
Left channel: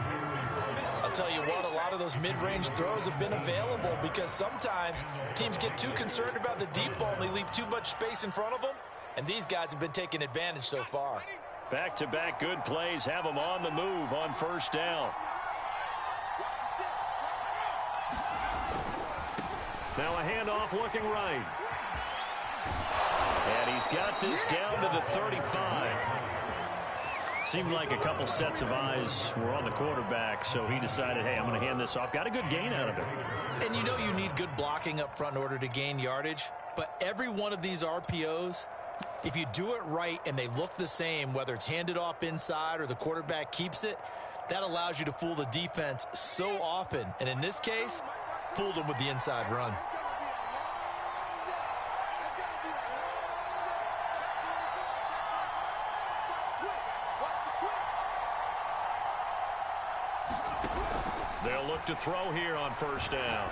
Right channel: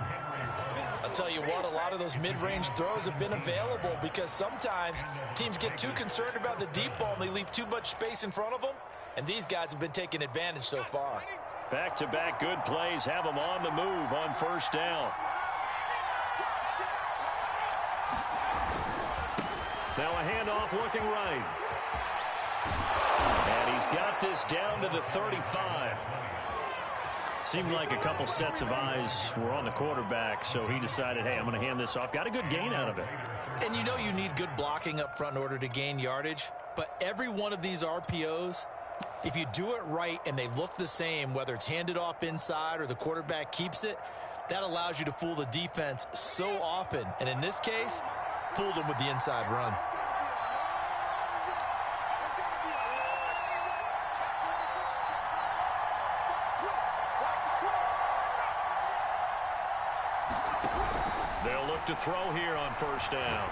I'll tell you what, a lot of those mid-range throws have been available because sometimes teams get too concerned about the deep ball and they leave too much space in front of them. And these guys have been taking advantage so far. Back-to-back good plays have them on the move on 1st down. Now a handoff looking right. And he's got this down to the 35. Seemed like a couple sets of eyes were on the quarterback, so he decided, hey, I'm going to hand this off. Got a good gain out of it. And you know you need good blocking up front in order to gain yardage, but every one of these RPOs, if you do it right and they look the same, whether it's handed off inside or the quarterback keeps it, that allows you to fool the defense so often. And in this case, fooled them with the inside run. They'll look to throw here on 1st down.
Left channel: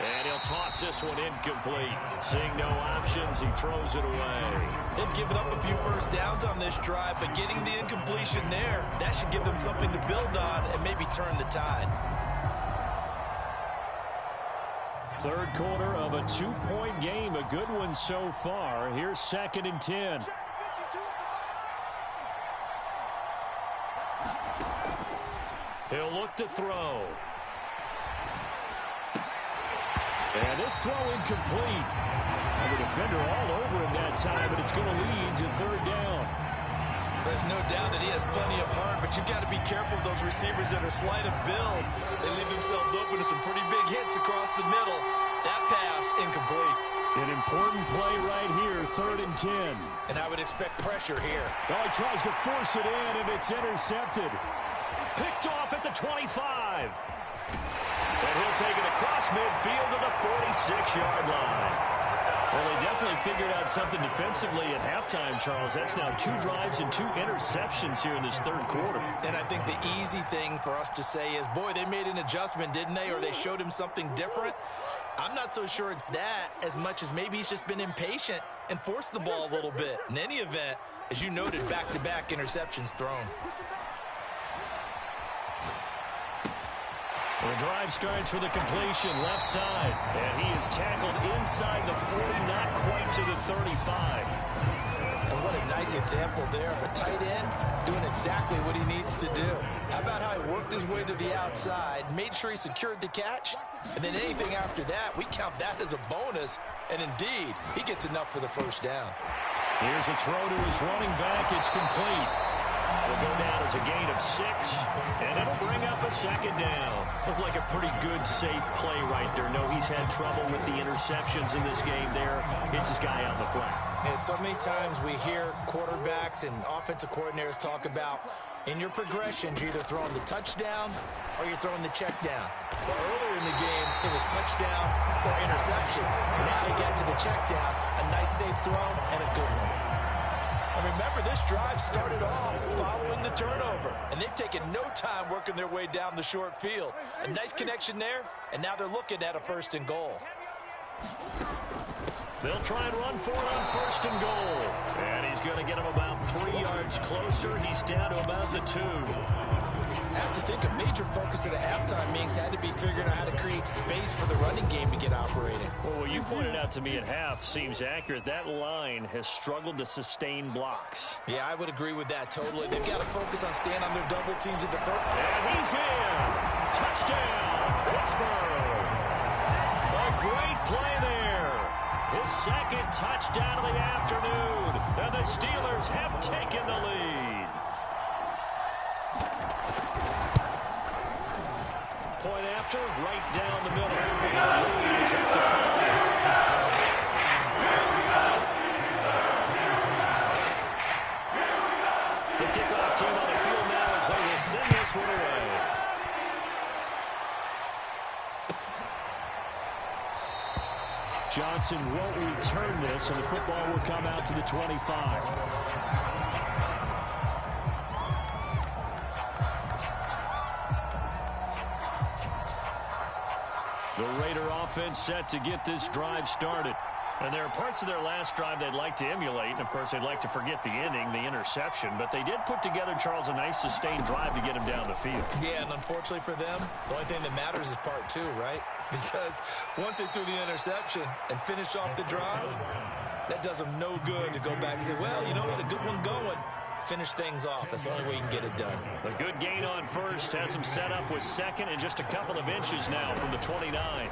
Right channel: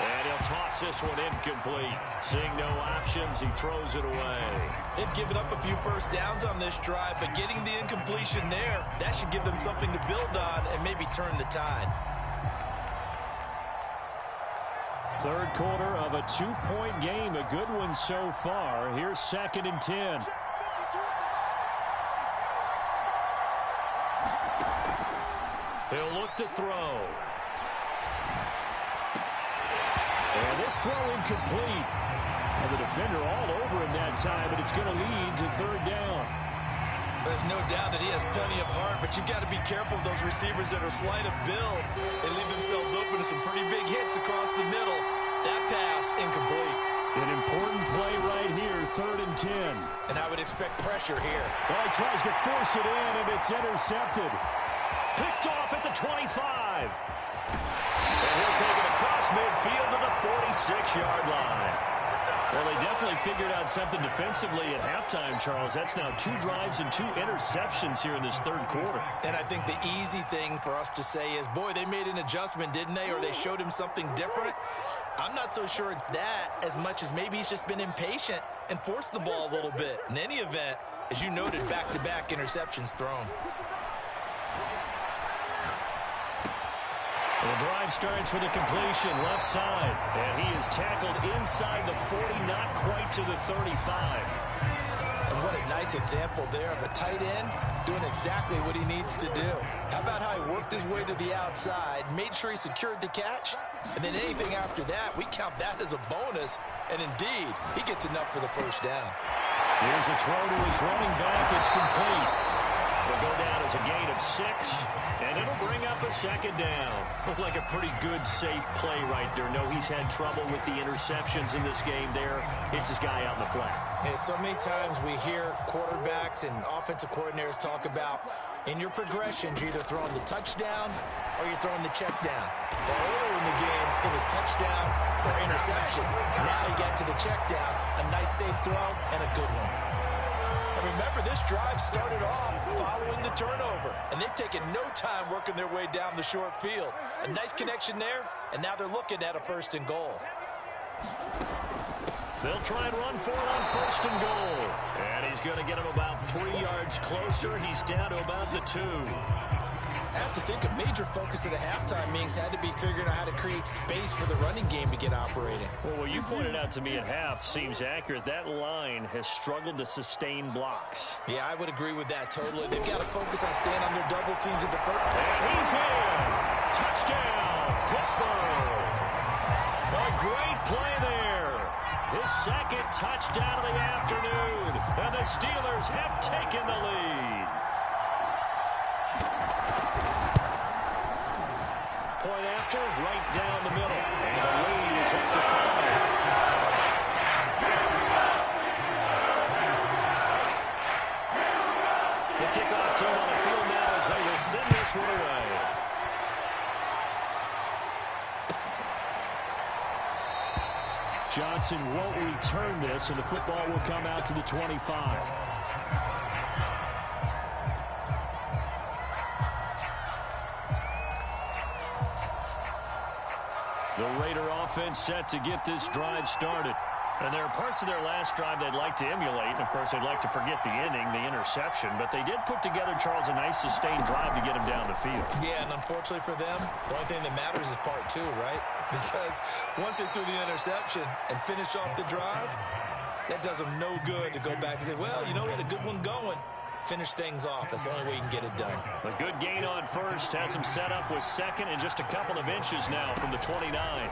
And he'll toss this one incomplete. Seeing no options, he throws it away. They've given up a few first downs on this drive, but getting the incompletion there, that should give them something to build on and maybe turn the tide. 3rd quarter of a 2-point game. A good one so far. Here's 2nd and 10. He'll look to throw. And this throw incomplete. And the defender all over him that time, but it's going to lead to 3rd down. There's no doubt that he has plenty of heart, but you've got to be careful of those receivers that are slight of build. They leave themselves open to some pretty big hits across the middle. That pass incomplete. An important play right here, 3rd and 10. And I would expect pressure here. Oh, he tries to force it in, and it's intercepted. Picked off at the 25. And he'll take it across midfield to the 46-yard line. Well, they definitely figured out something defensively at halftime, Charles. That's now 2 drives and 2 interceptions here in this 3rd quarter. And I think the easy thing for us to say is, boy, they made an adjustment, didn't they? Or they showed him something different. I'm not so sure it's that as much as maybe he's just been impatient and forced the ball a little bit. In any event, as you noted, back-to-back interceptions thrown. The drive starts with a completion left side, and he is tackled inside the 40, not quite to the 35. And what a nice example there of a tight end doing exactly what he needs to do. How about how he worked his way to the outside, made sure he secured the catch, and then anything after that, we count that as a bonus, and indeed, he gets enough for the first down. Here's a throw to his running back. It's complete. Will go down as a gain of 6, and it'll bring up a 2nd down. Looked like a pretty good, safe play right there. No, he's had trouble with the interceptions in this game there. Hits his guy out in the flat. Yeah, so many times we hear quarterbacks and offensive coordinators talk about in your progressions, you're either throwing the touchdown or you're throwing the check down. But earlier in the game, it was touchdown or interception. Now he got to the check down, a nice safe throw and a good one. And remember, this drive started off following the turnover, and they've taken no time working their way down the short field. A nice connection there, and now they're looking at a 1st and goal. They'll try and run for it on 1st and goal. And he's going to get him about 3 yards closer. He's down to about the 2. I have to think a major focus of the halftime meetings had to be figuring out how to create space for the running game to get operating. Well, what you pointed out to me at half seems accurate. That line has struggled to sustain blocks. Yeah, I would agree with that totally. They've got to focus on staying on their double teams and defer. And he's in. Touchdown, Pittsburgh. A great play there. His 2nd touchdown of the afternoon. And the Steelers have taken the lead. Point after, right down the middle. And the lead is up to 5. The kickoff team on the field now as they will send this one away. Johnson won't return this, and the football will come out to the 25. The Raider offense set to get this drive started. And there are parts of their last drive they'd like to emulate. And, of course, they'd like to forget the ending, the interception. But they did put together, Charles, a nice sustained drive to get him down the field. Yeah, and unfortunately for them, the only thing that matters is part 2, right? Because once they threw the interception and finished off the drive, that does them no good to go back and say, well, you know, we had a good one going. Finish things off. That's the only way you can get it done. A good gain on 1st has him set up with 2nd and just a couple of inches now from the 29.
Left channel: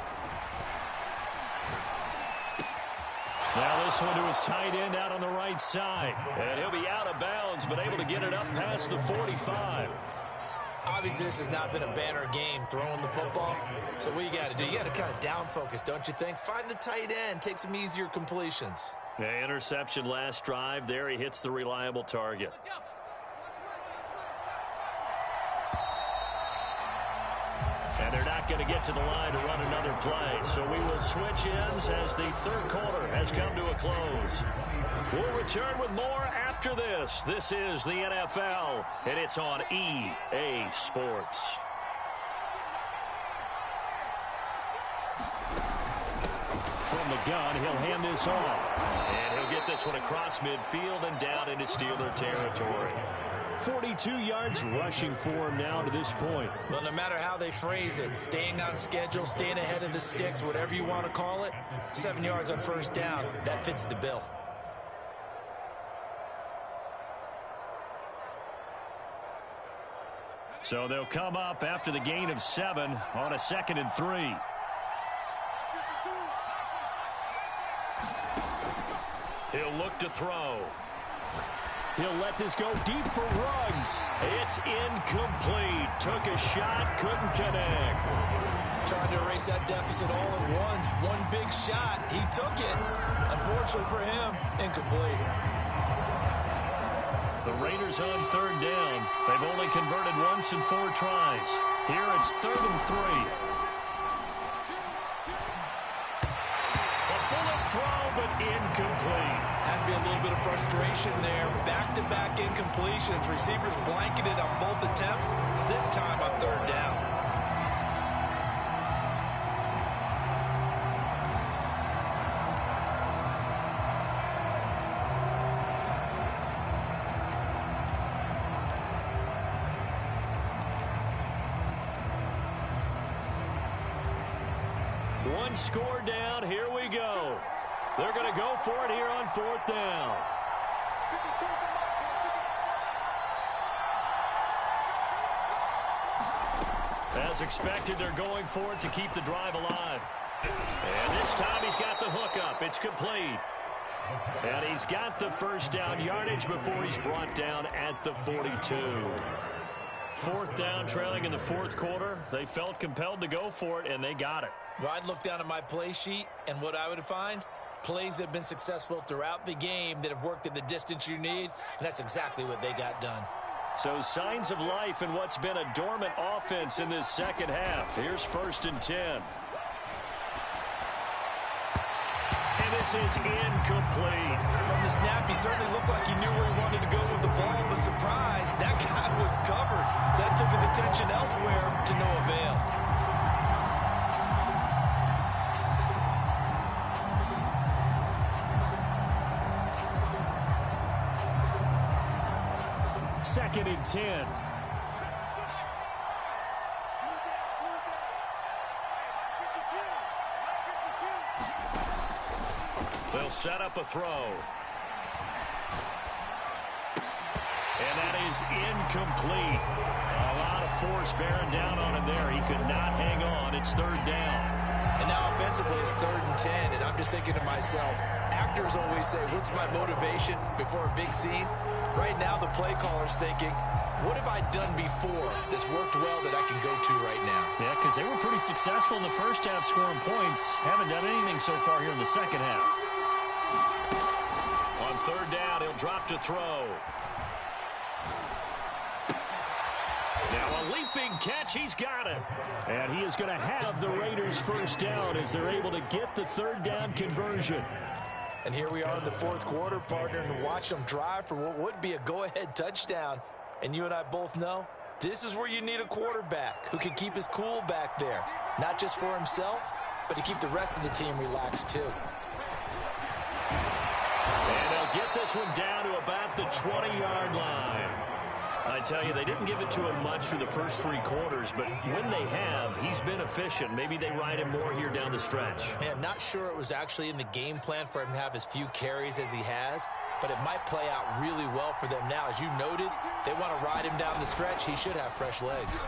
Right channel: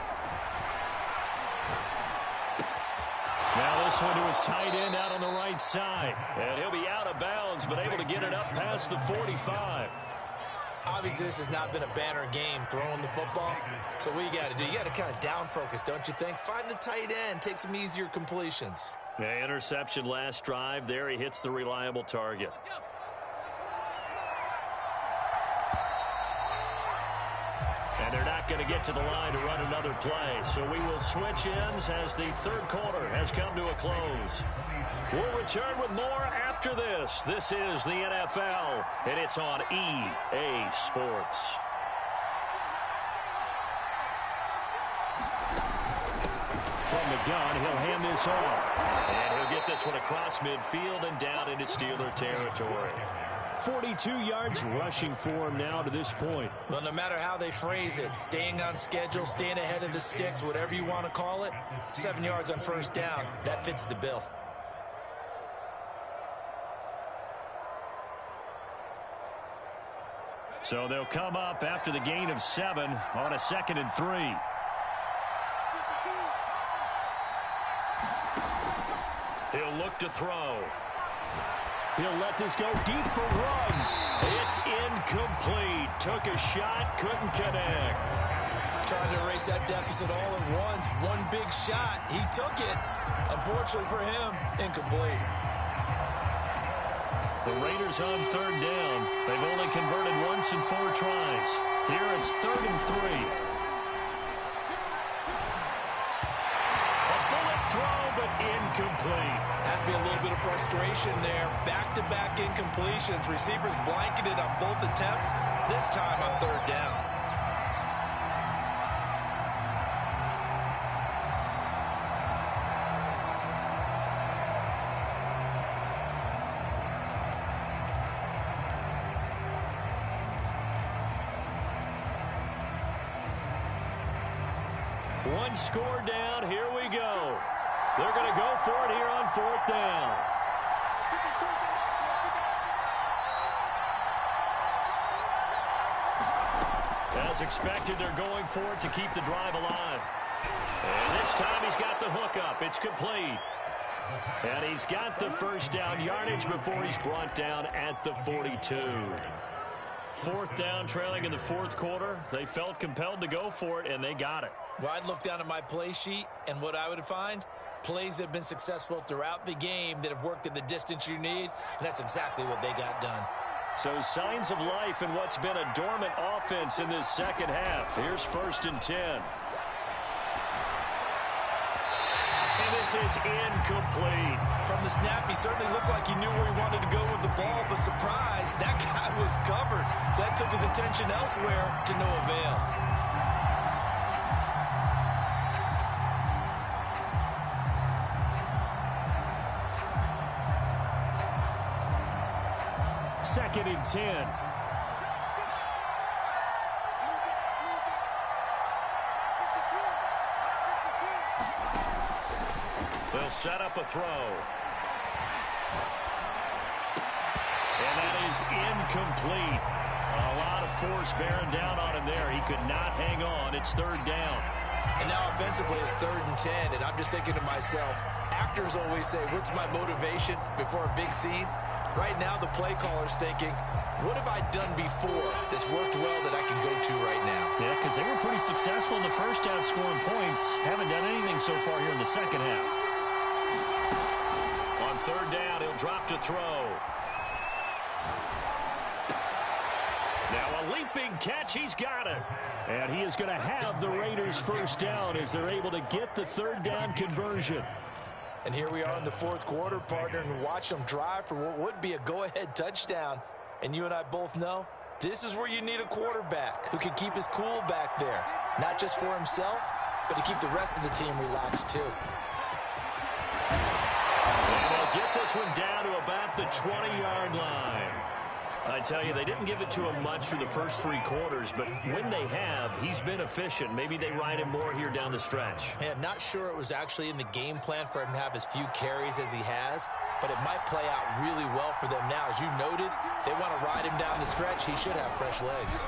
Now this one to his tight end out on the right side. And he'll be out of bounds, but able to get it up past the 45. Obviously, this has not been a banner game throwing the football. So what you got to do, you got to kind of down focus, don't you think? Find the tight end, take some easier completions. Yeah, interception last drive. There he hits the reliable target. And they're not going to get to the line to run another play. So we will switch ends as the 3rd quarter has come to a close. We'll return with more after this. This is the NFL, and it's on EA Sports. From the gun, he'll hand this off. And he'll get this one across midfield and down into Steeler territory. 42 yards rushing for him now to this point. Well, no matter how they phrase it, staying on schedule, staying ahead of the sticks, whatever you want to call it, 7 yards on 1st down, that fits the bill. So they'll come up after the gain of 7 on a 2nd and 3. He'll look to throw. He'll let this go deep for Ruggs. It's incomplete. Took a shot, couldn't connect. Trying to erase that deficit all at once. One big shot. He took it. Unfortunately for him, incomplete. The Raiders on third down. They've only converted once in 4 tries. Here it's 3rd and 3. A bullet throw, but incomplete. Has to be a little bit of frustration there. Back-to-back incompletions. Receivers blanketed on both attempts. This time on 3rd down. One score down. Here we go. They're going to go for it here on 4th down. As expected, they're going for it to keep the drive alive. And this time he's got the hook up. It's complete. And he's got the first down yardage before he's brought down at the 42. 4th down, trailing in the 4th quarter. They felt compelled to go for it, and they got it. Well, I'd look down at my play sheet, and what I would find, plays that have been successful throughout the game that have worked at the distance you need, and that's exactly what they got done. So signs of life in what's been a dormant offense in this second half. Here's 1st and 10. And this is incomplete. From the snap, he certainly looked like he knew where he wanted to go with the ball, but surprise, that guy was covered. So that took his attention elsewhere to no avail. Second and 10. They'll set up a throw. And that is incomplete. A lot of force bearing down on him there. He could not hang on. It's 3rd down. And now offensively it's 3rd and 10, and I'm just thinking to myself, actors always say, what's my motivation before a big scene? Right now the play caller's thinking, what have I done before that's worked well that I can go to right now? Yeah, because they were pretty successful in the first half scoring points. Haven't done anything so far here in the second half. On 3rd down, he'll drop to throw. Now a leaping catch. He's got it. And he is going to have the Raiders' first down as they're able to get the 3rd down conversion. And here we are in the 4th quarter, partner, and watch them drive for what would be a go-ahead touchdown. And you and I both know this is where you need a quarterback who can keep his cool back there. Not just for himself, but to keep the rest of the team relaxed too. And they'll get this one down to about the 20-yard line. I tell you, they didn't give it to him much through the first 3 quarters, but when they have, he's been efficient. Maybe they ride him more here down the stretch. Man, not sure it was actually in the game plan for him to have as few carries as he has, but it might play out really well for them now. As you noted, they want to ride him down the stretch. He should have fresh legs.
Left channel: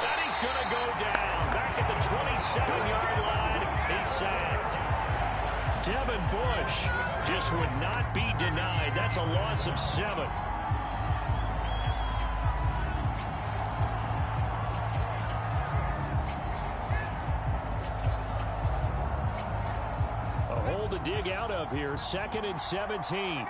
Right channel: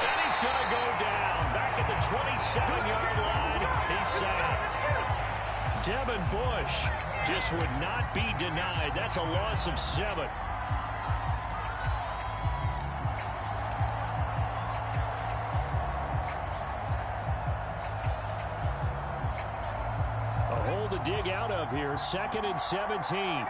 And he's going to go down. Back at the 27-yard line, he's sacked. Devin Bush just would not be denied. That's a loss of 7. A hole to dig out of here. 2nd and 17.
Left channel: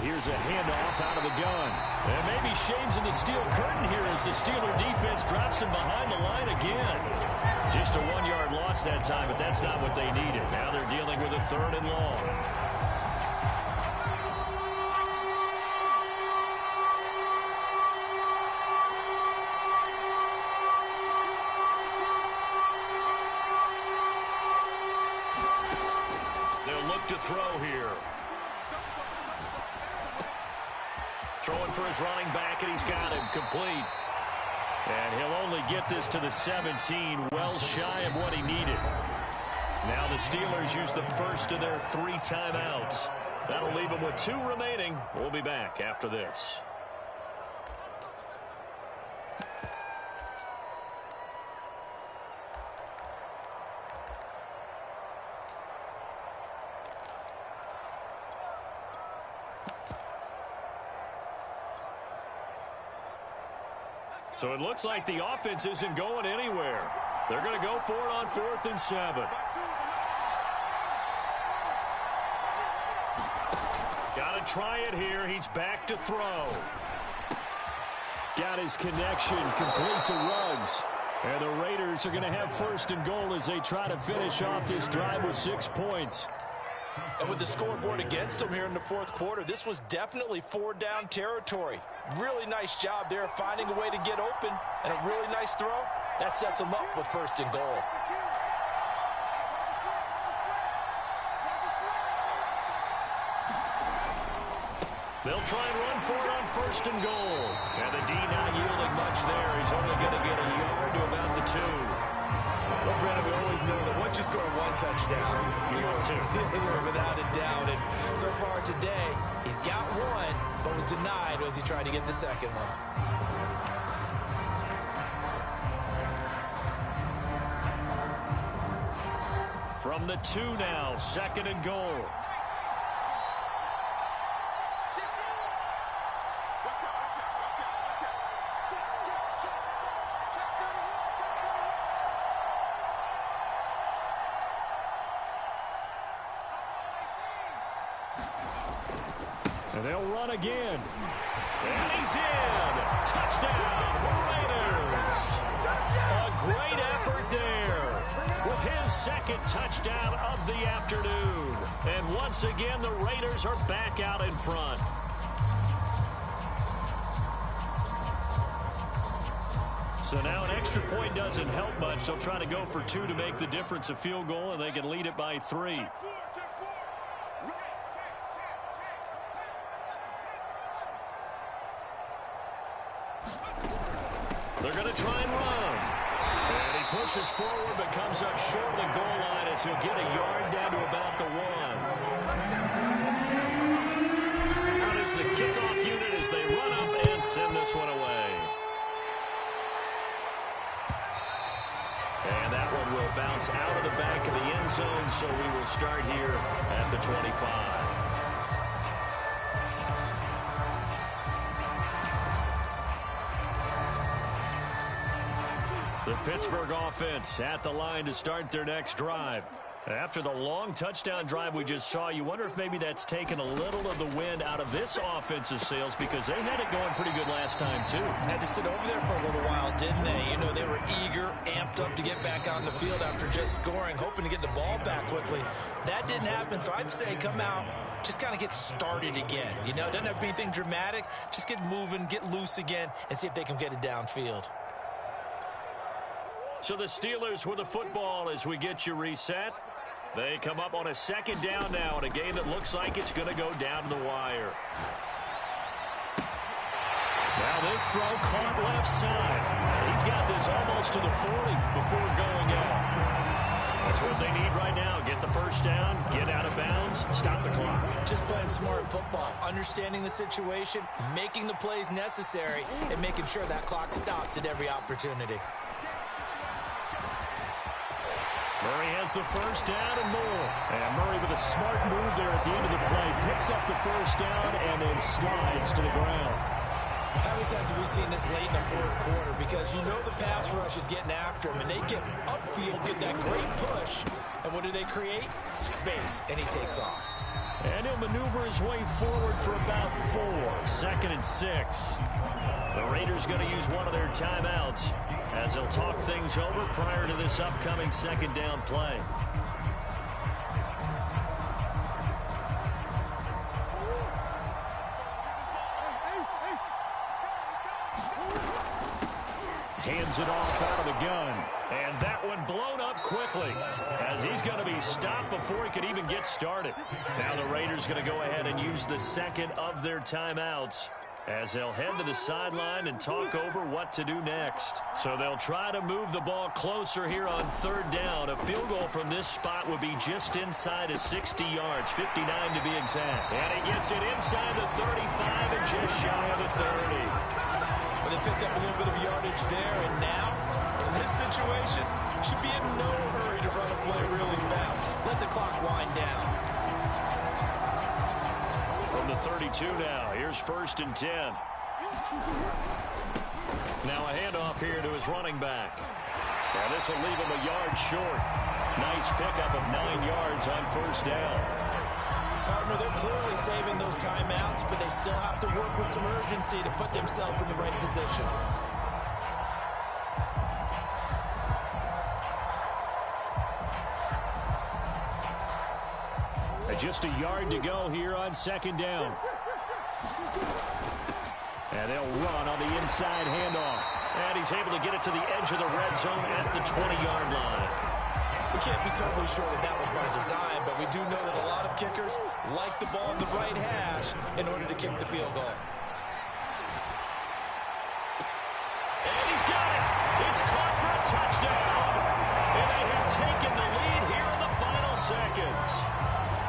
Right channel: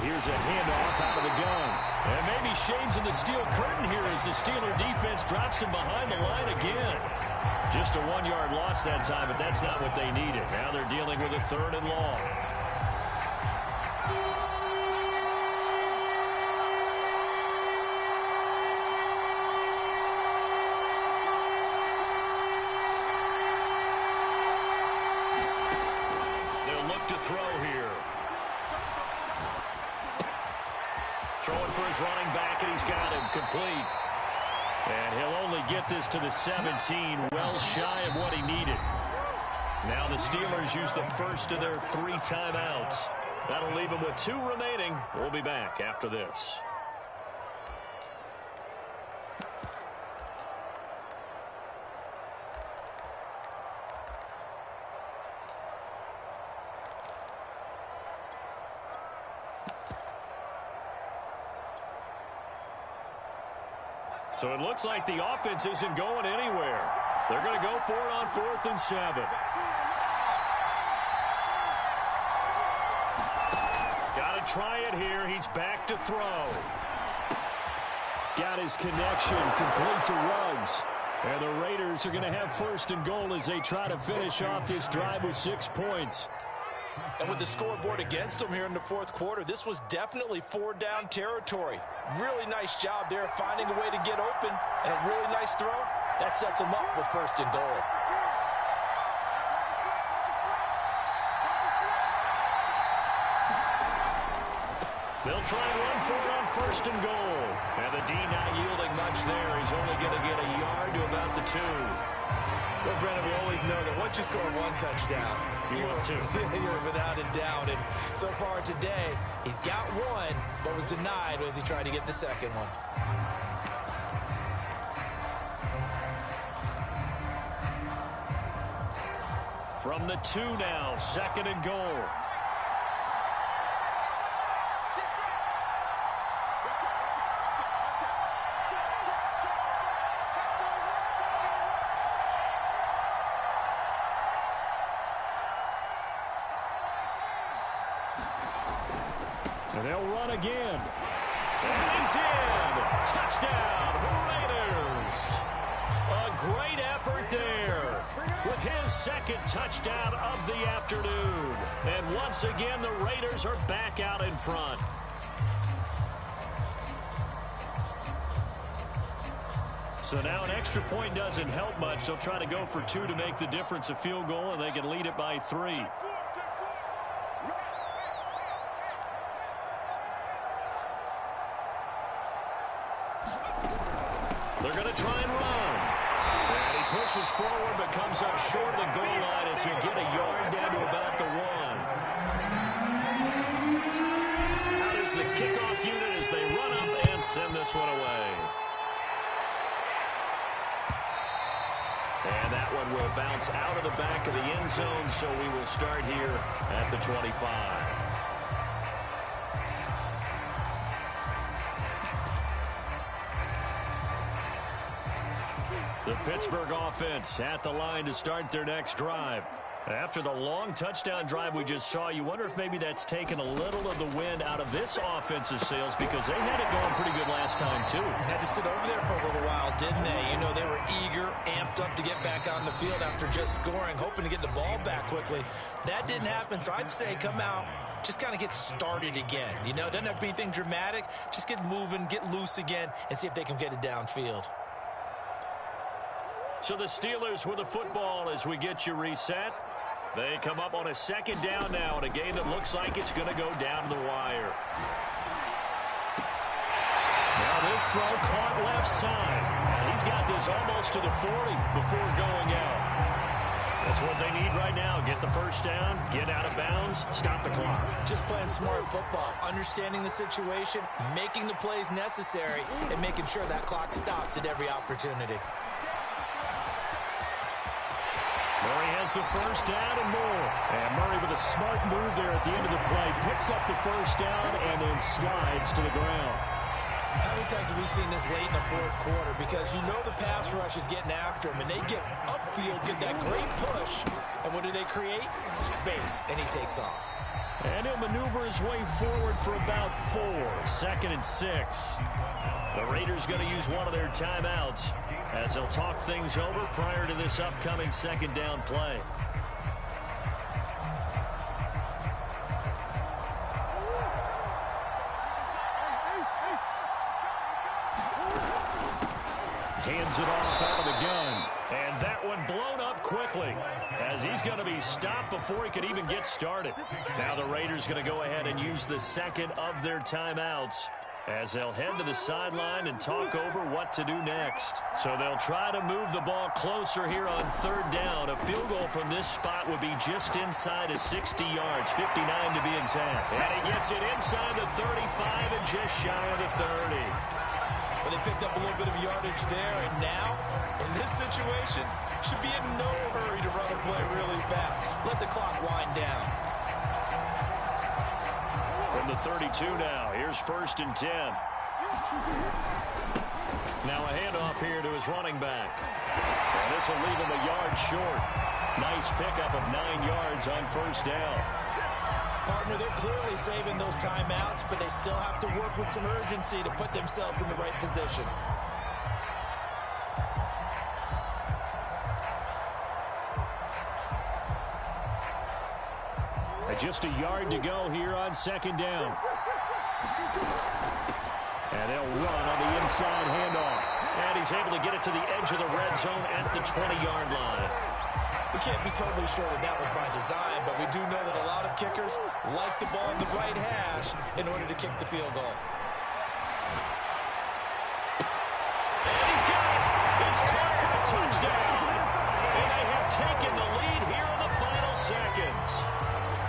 Here's a handoff out of the gun. And maybe shades in the steel curtain here as the Steeler defense drops him behind the line again. Just a 1-yard loss that time, but that's not what they needed. Now they're dealing with a 3rd and long. They'll look to throw here. Throwing for his running back, and he's got him complete. And he'll only get this to the 17, well shy of what he needed. Now the Steelers use the first of their 3 timeouts. That'll leave them with 2 remaining. We'll be back after this. So it looks like the offense isn't going anywhere. They're going to go for it on 4th and 7. Got to try it here. He's back to throw. Got his connection complete to Ruggs. And the Raiders are going to have 1st and goal as they try to finish off this drive with 6 points. And with the scoreboard against them here in the 4th quarter, this was definitely 4-down territory. Really nice job there finding a way to get open, and a really nice throw. That sets them up with 1st and goal. They'll try and run for it on 1st and goal. And the D not yielding much there. He's only going to get a yard to about the 2. Well, Brennan, we always know that once you score 1 touchdown, you're without a doubt. And so far today, he's got 1, but was denied as he tried to get the second one. From the 2 now, 2nd and goal. And they'll run again. And he's in. Touchdown, Raiders. A great effort there with his 2nd touchdown of the afternoon. And once again, the Raiders are back out in front. So now an extra point doesn't help much. They'll try to go for 2 to make the difference a field goal, and they can lead it by 3. They're going to try and run. And he pushes forward but comes up short of the goal line as he'll get a yard down to about the 1. Out is the kickoff unit as they run up and send this one away. And that one will bounce out of the back of the end zone, so we will start here at the 25. The Pittsburgh offense at the line to start their next drive. After the long touchdown drive we just saw, you wonder if maybe that's taken a little of the wind out of this offense's sails, because they had it going pretty good last time, too. Had to sit over there for a little while, didn't they? You know, they were eager, amped up to get back on the field after just scoring, hoping to get the ball back quickly. That didn't happen, so I'd say come out, just kind of get started again. You know, it doesn't have to be anything dramatic. Just get moving, get loose again, and see if they can get it downfield. So the Steelers with the football as we get you reset. They come up on a 2nd down now in a game that looks like it's going to go down to the wire. Now this throw caught left side. And he's got this almost to the 40 before going out. That's what they need right now. Get the 1st down, get out of bounds, stop the clock. Just playing smart football, understanding the situation, making the plays necessary, and making sure that clock stops at every opportunity. Murray has the 1st down and more. And Murray with a smart move there at the end of the play. Picks up the 1st down and then slides to the ground. How many times have we seen this late in the 4th quarter? Because you know the pass rush is getting after him, and they get upfield, get that great push. And what do they create? Space, and he takes off. And he'll maneuver his way forward for about 4. 2nd and 6. The Raiders going to use one of their timeouts as they'll talk things over prior to this upcoming 2nd down play. Hands it off out of the gun. And that one blown up quickly as he's going to be stopped before he could even get started. Now the Raiders going to go ahead and use the 2nd of their timeouts as they'll head to the sideline and talk over what to do next. So they'll try to move the ball closer here on 3rd down. A field goal from this spot would be just inside of 60 yards, 59 to be exact. And he gets it inside the 35 and just shy of the 30. But they picked up a little bit of yardage there, and now, in this situation, should be in no hurry to run a play really fast. Let the clock wind down. From the 32 now, here's 1st and 10. Now a handoff here to his running back. And this will leave him a yard short. Nice pickup of 9 yards on first down. Partner, they're clearly saving those timeouts, but they still have to work with some urgency to put themselves in the right position. Just a yard to go here on second down. And they'll run on the inside handoff. And he's able to get it to the edge of the red zone at the 20-yard line. We can't be totally sure that that was by design, but we do know that a lot of kickers like the ball in the right hash in order to kick the field goal. And he's got it. It's caught for a touchdown. And they have taken the lead here in the final seconds.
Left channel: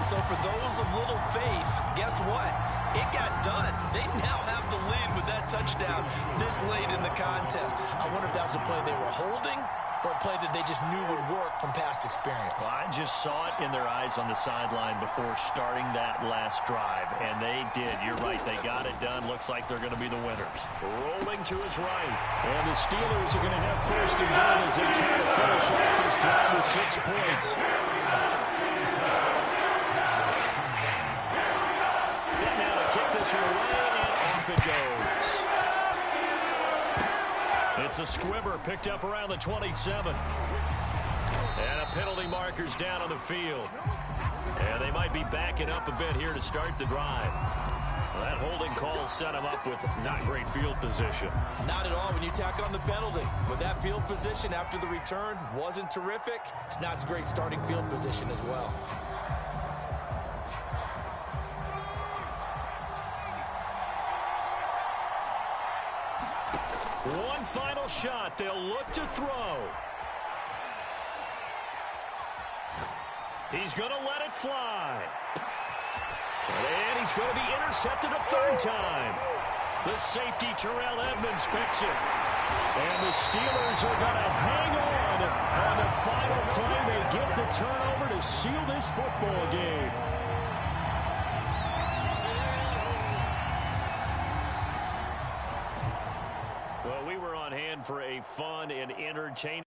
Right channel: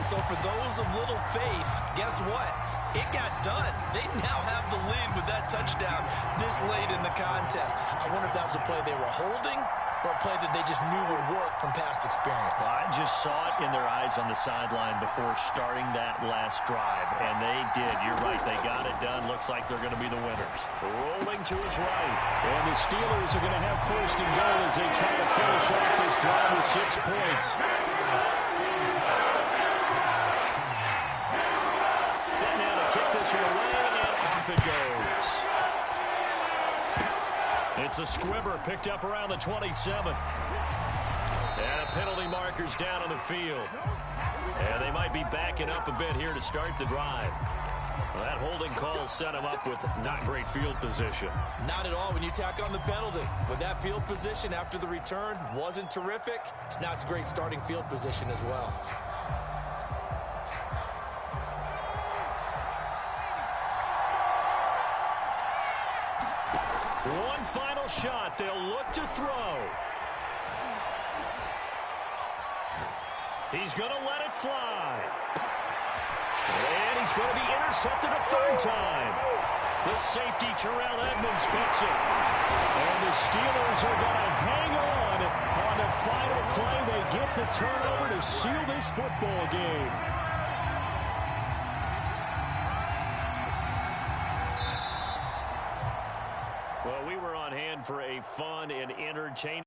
So for those of little faith, guess what? It got done. They now have the lead with that touchdown this late in the contest. I wonder if that was a play they were holding or a play that they just knew would work from past experience. Well, I just saw it in their eyes on the sideline before starting that last drive, and they did. You're right. They got it done. Looks like they're going to be the winners. Rolling to his right. And the Steelers are going to have first and goal as they try to finish off this drive with 6 points. Set now to kick this one away, and off it goes. It's a squibber picked up around the 27. And a penalty marker's down on the field. And they might be backing up a bit here to start the drive. Well, that holding call set him up with not great field position. Not at all when you tack on the penalty. With that field position after the return wasn't terrific, it's not a great starting field position as well. One final shot. They'll look to throw. He's going to let it fly. And he's going to be intercepted a third time. The safety, Terrell Edmunds, picks it. And the Steelers are going to hang on the final play. They get the turnover to seal this football game. Well, we were on hand for a fun and entertaining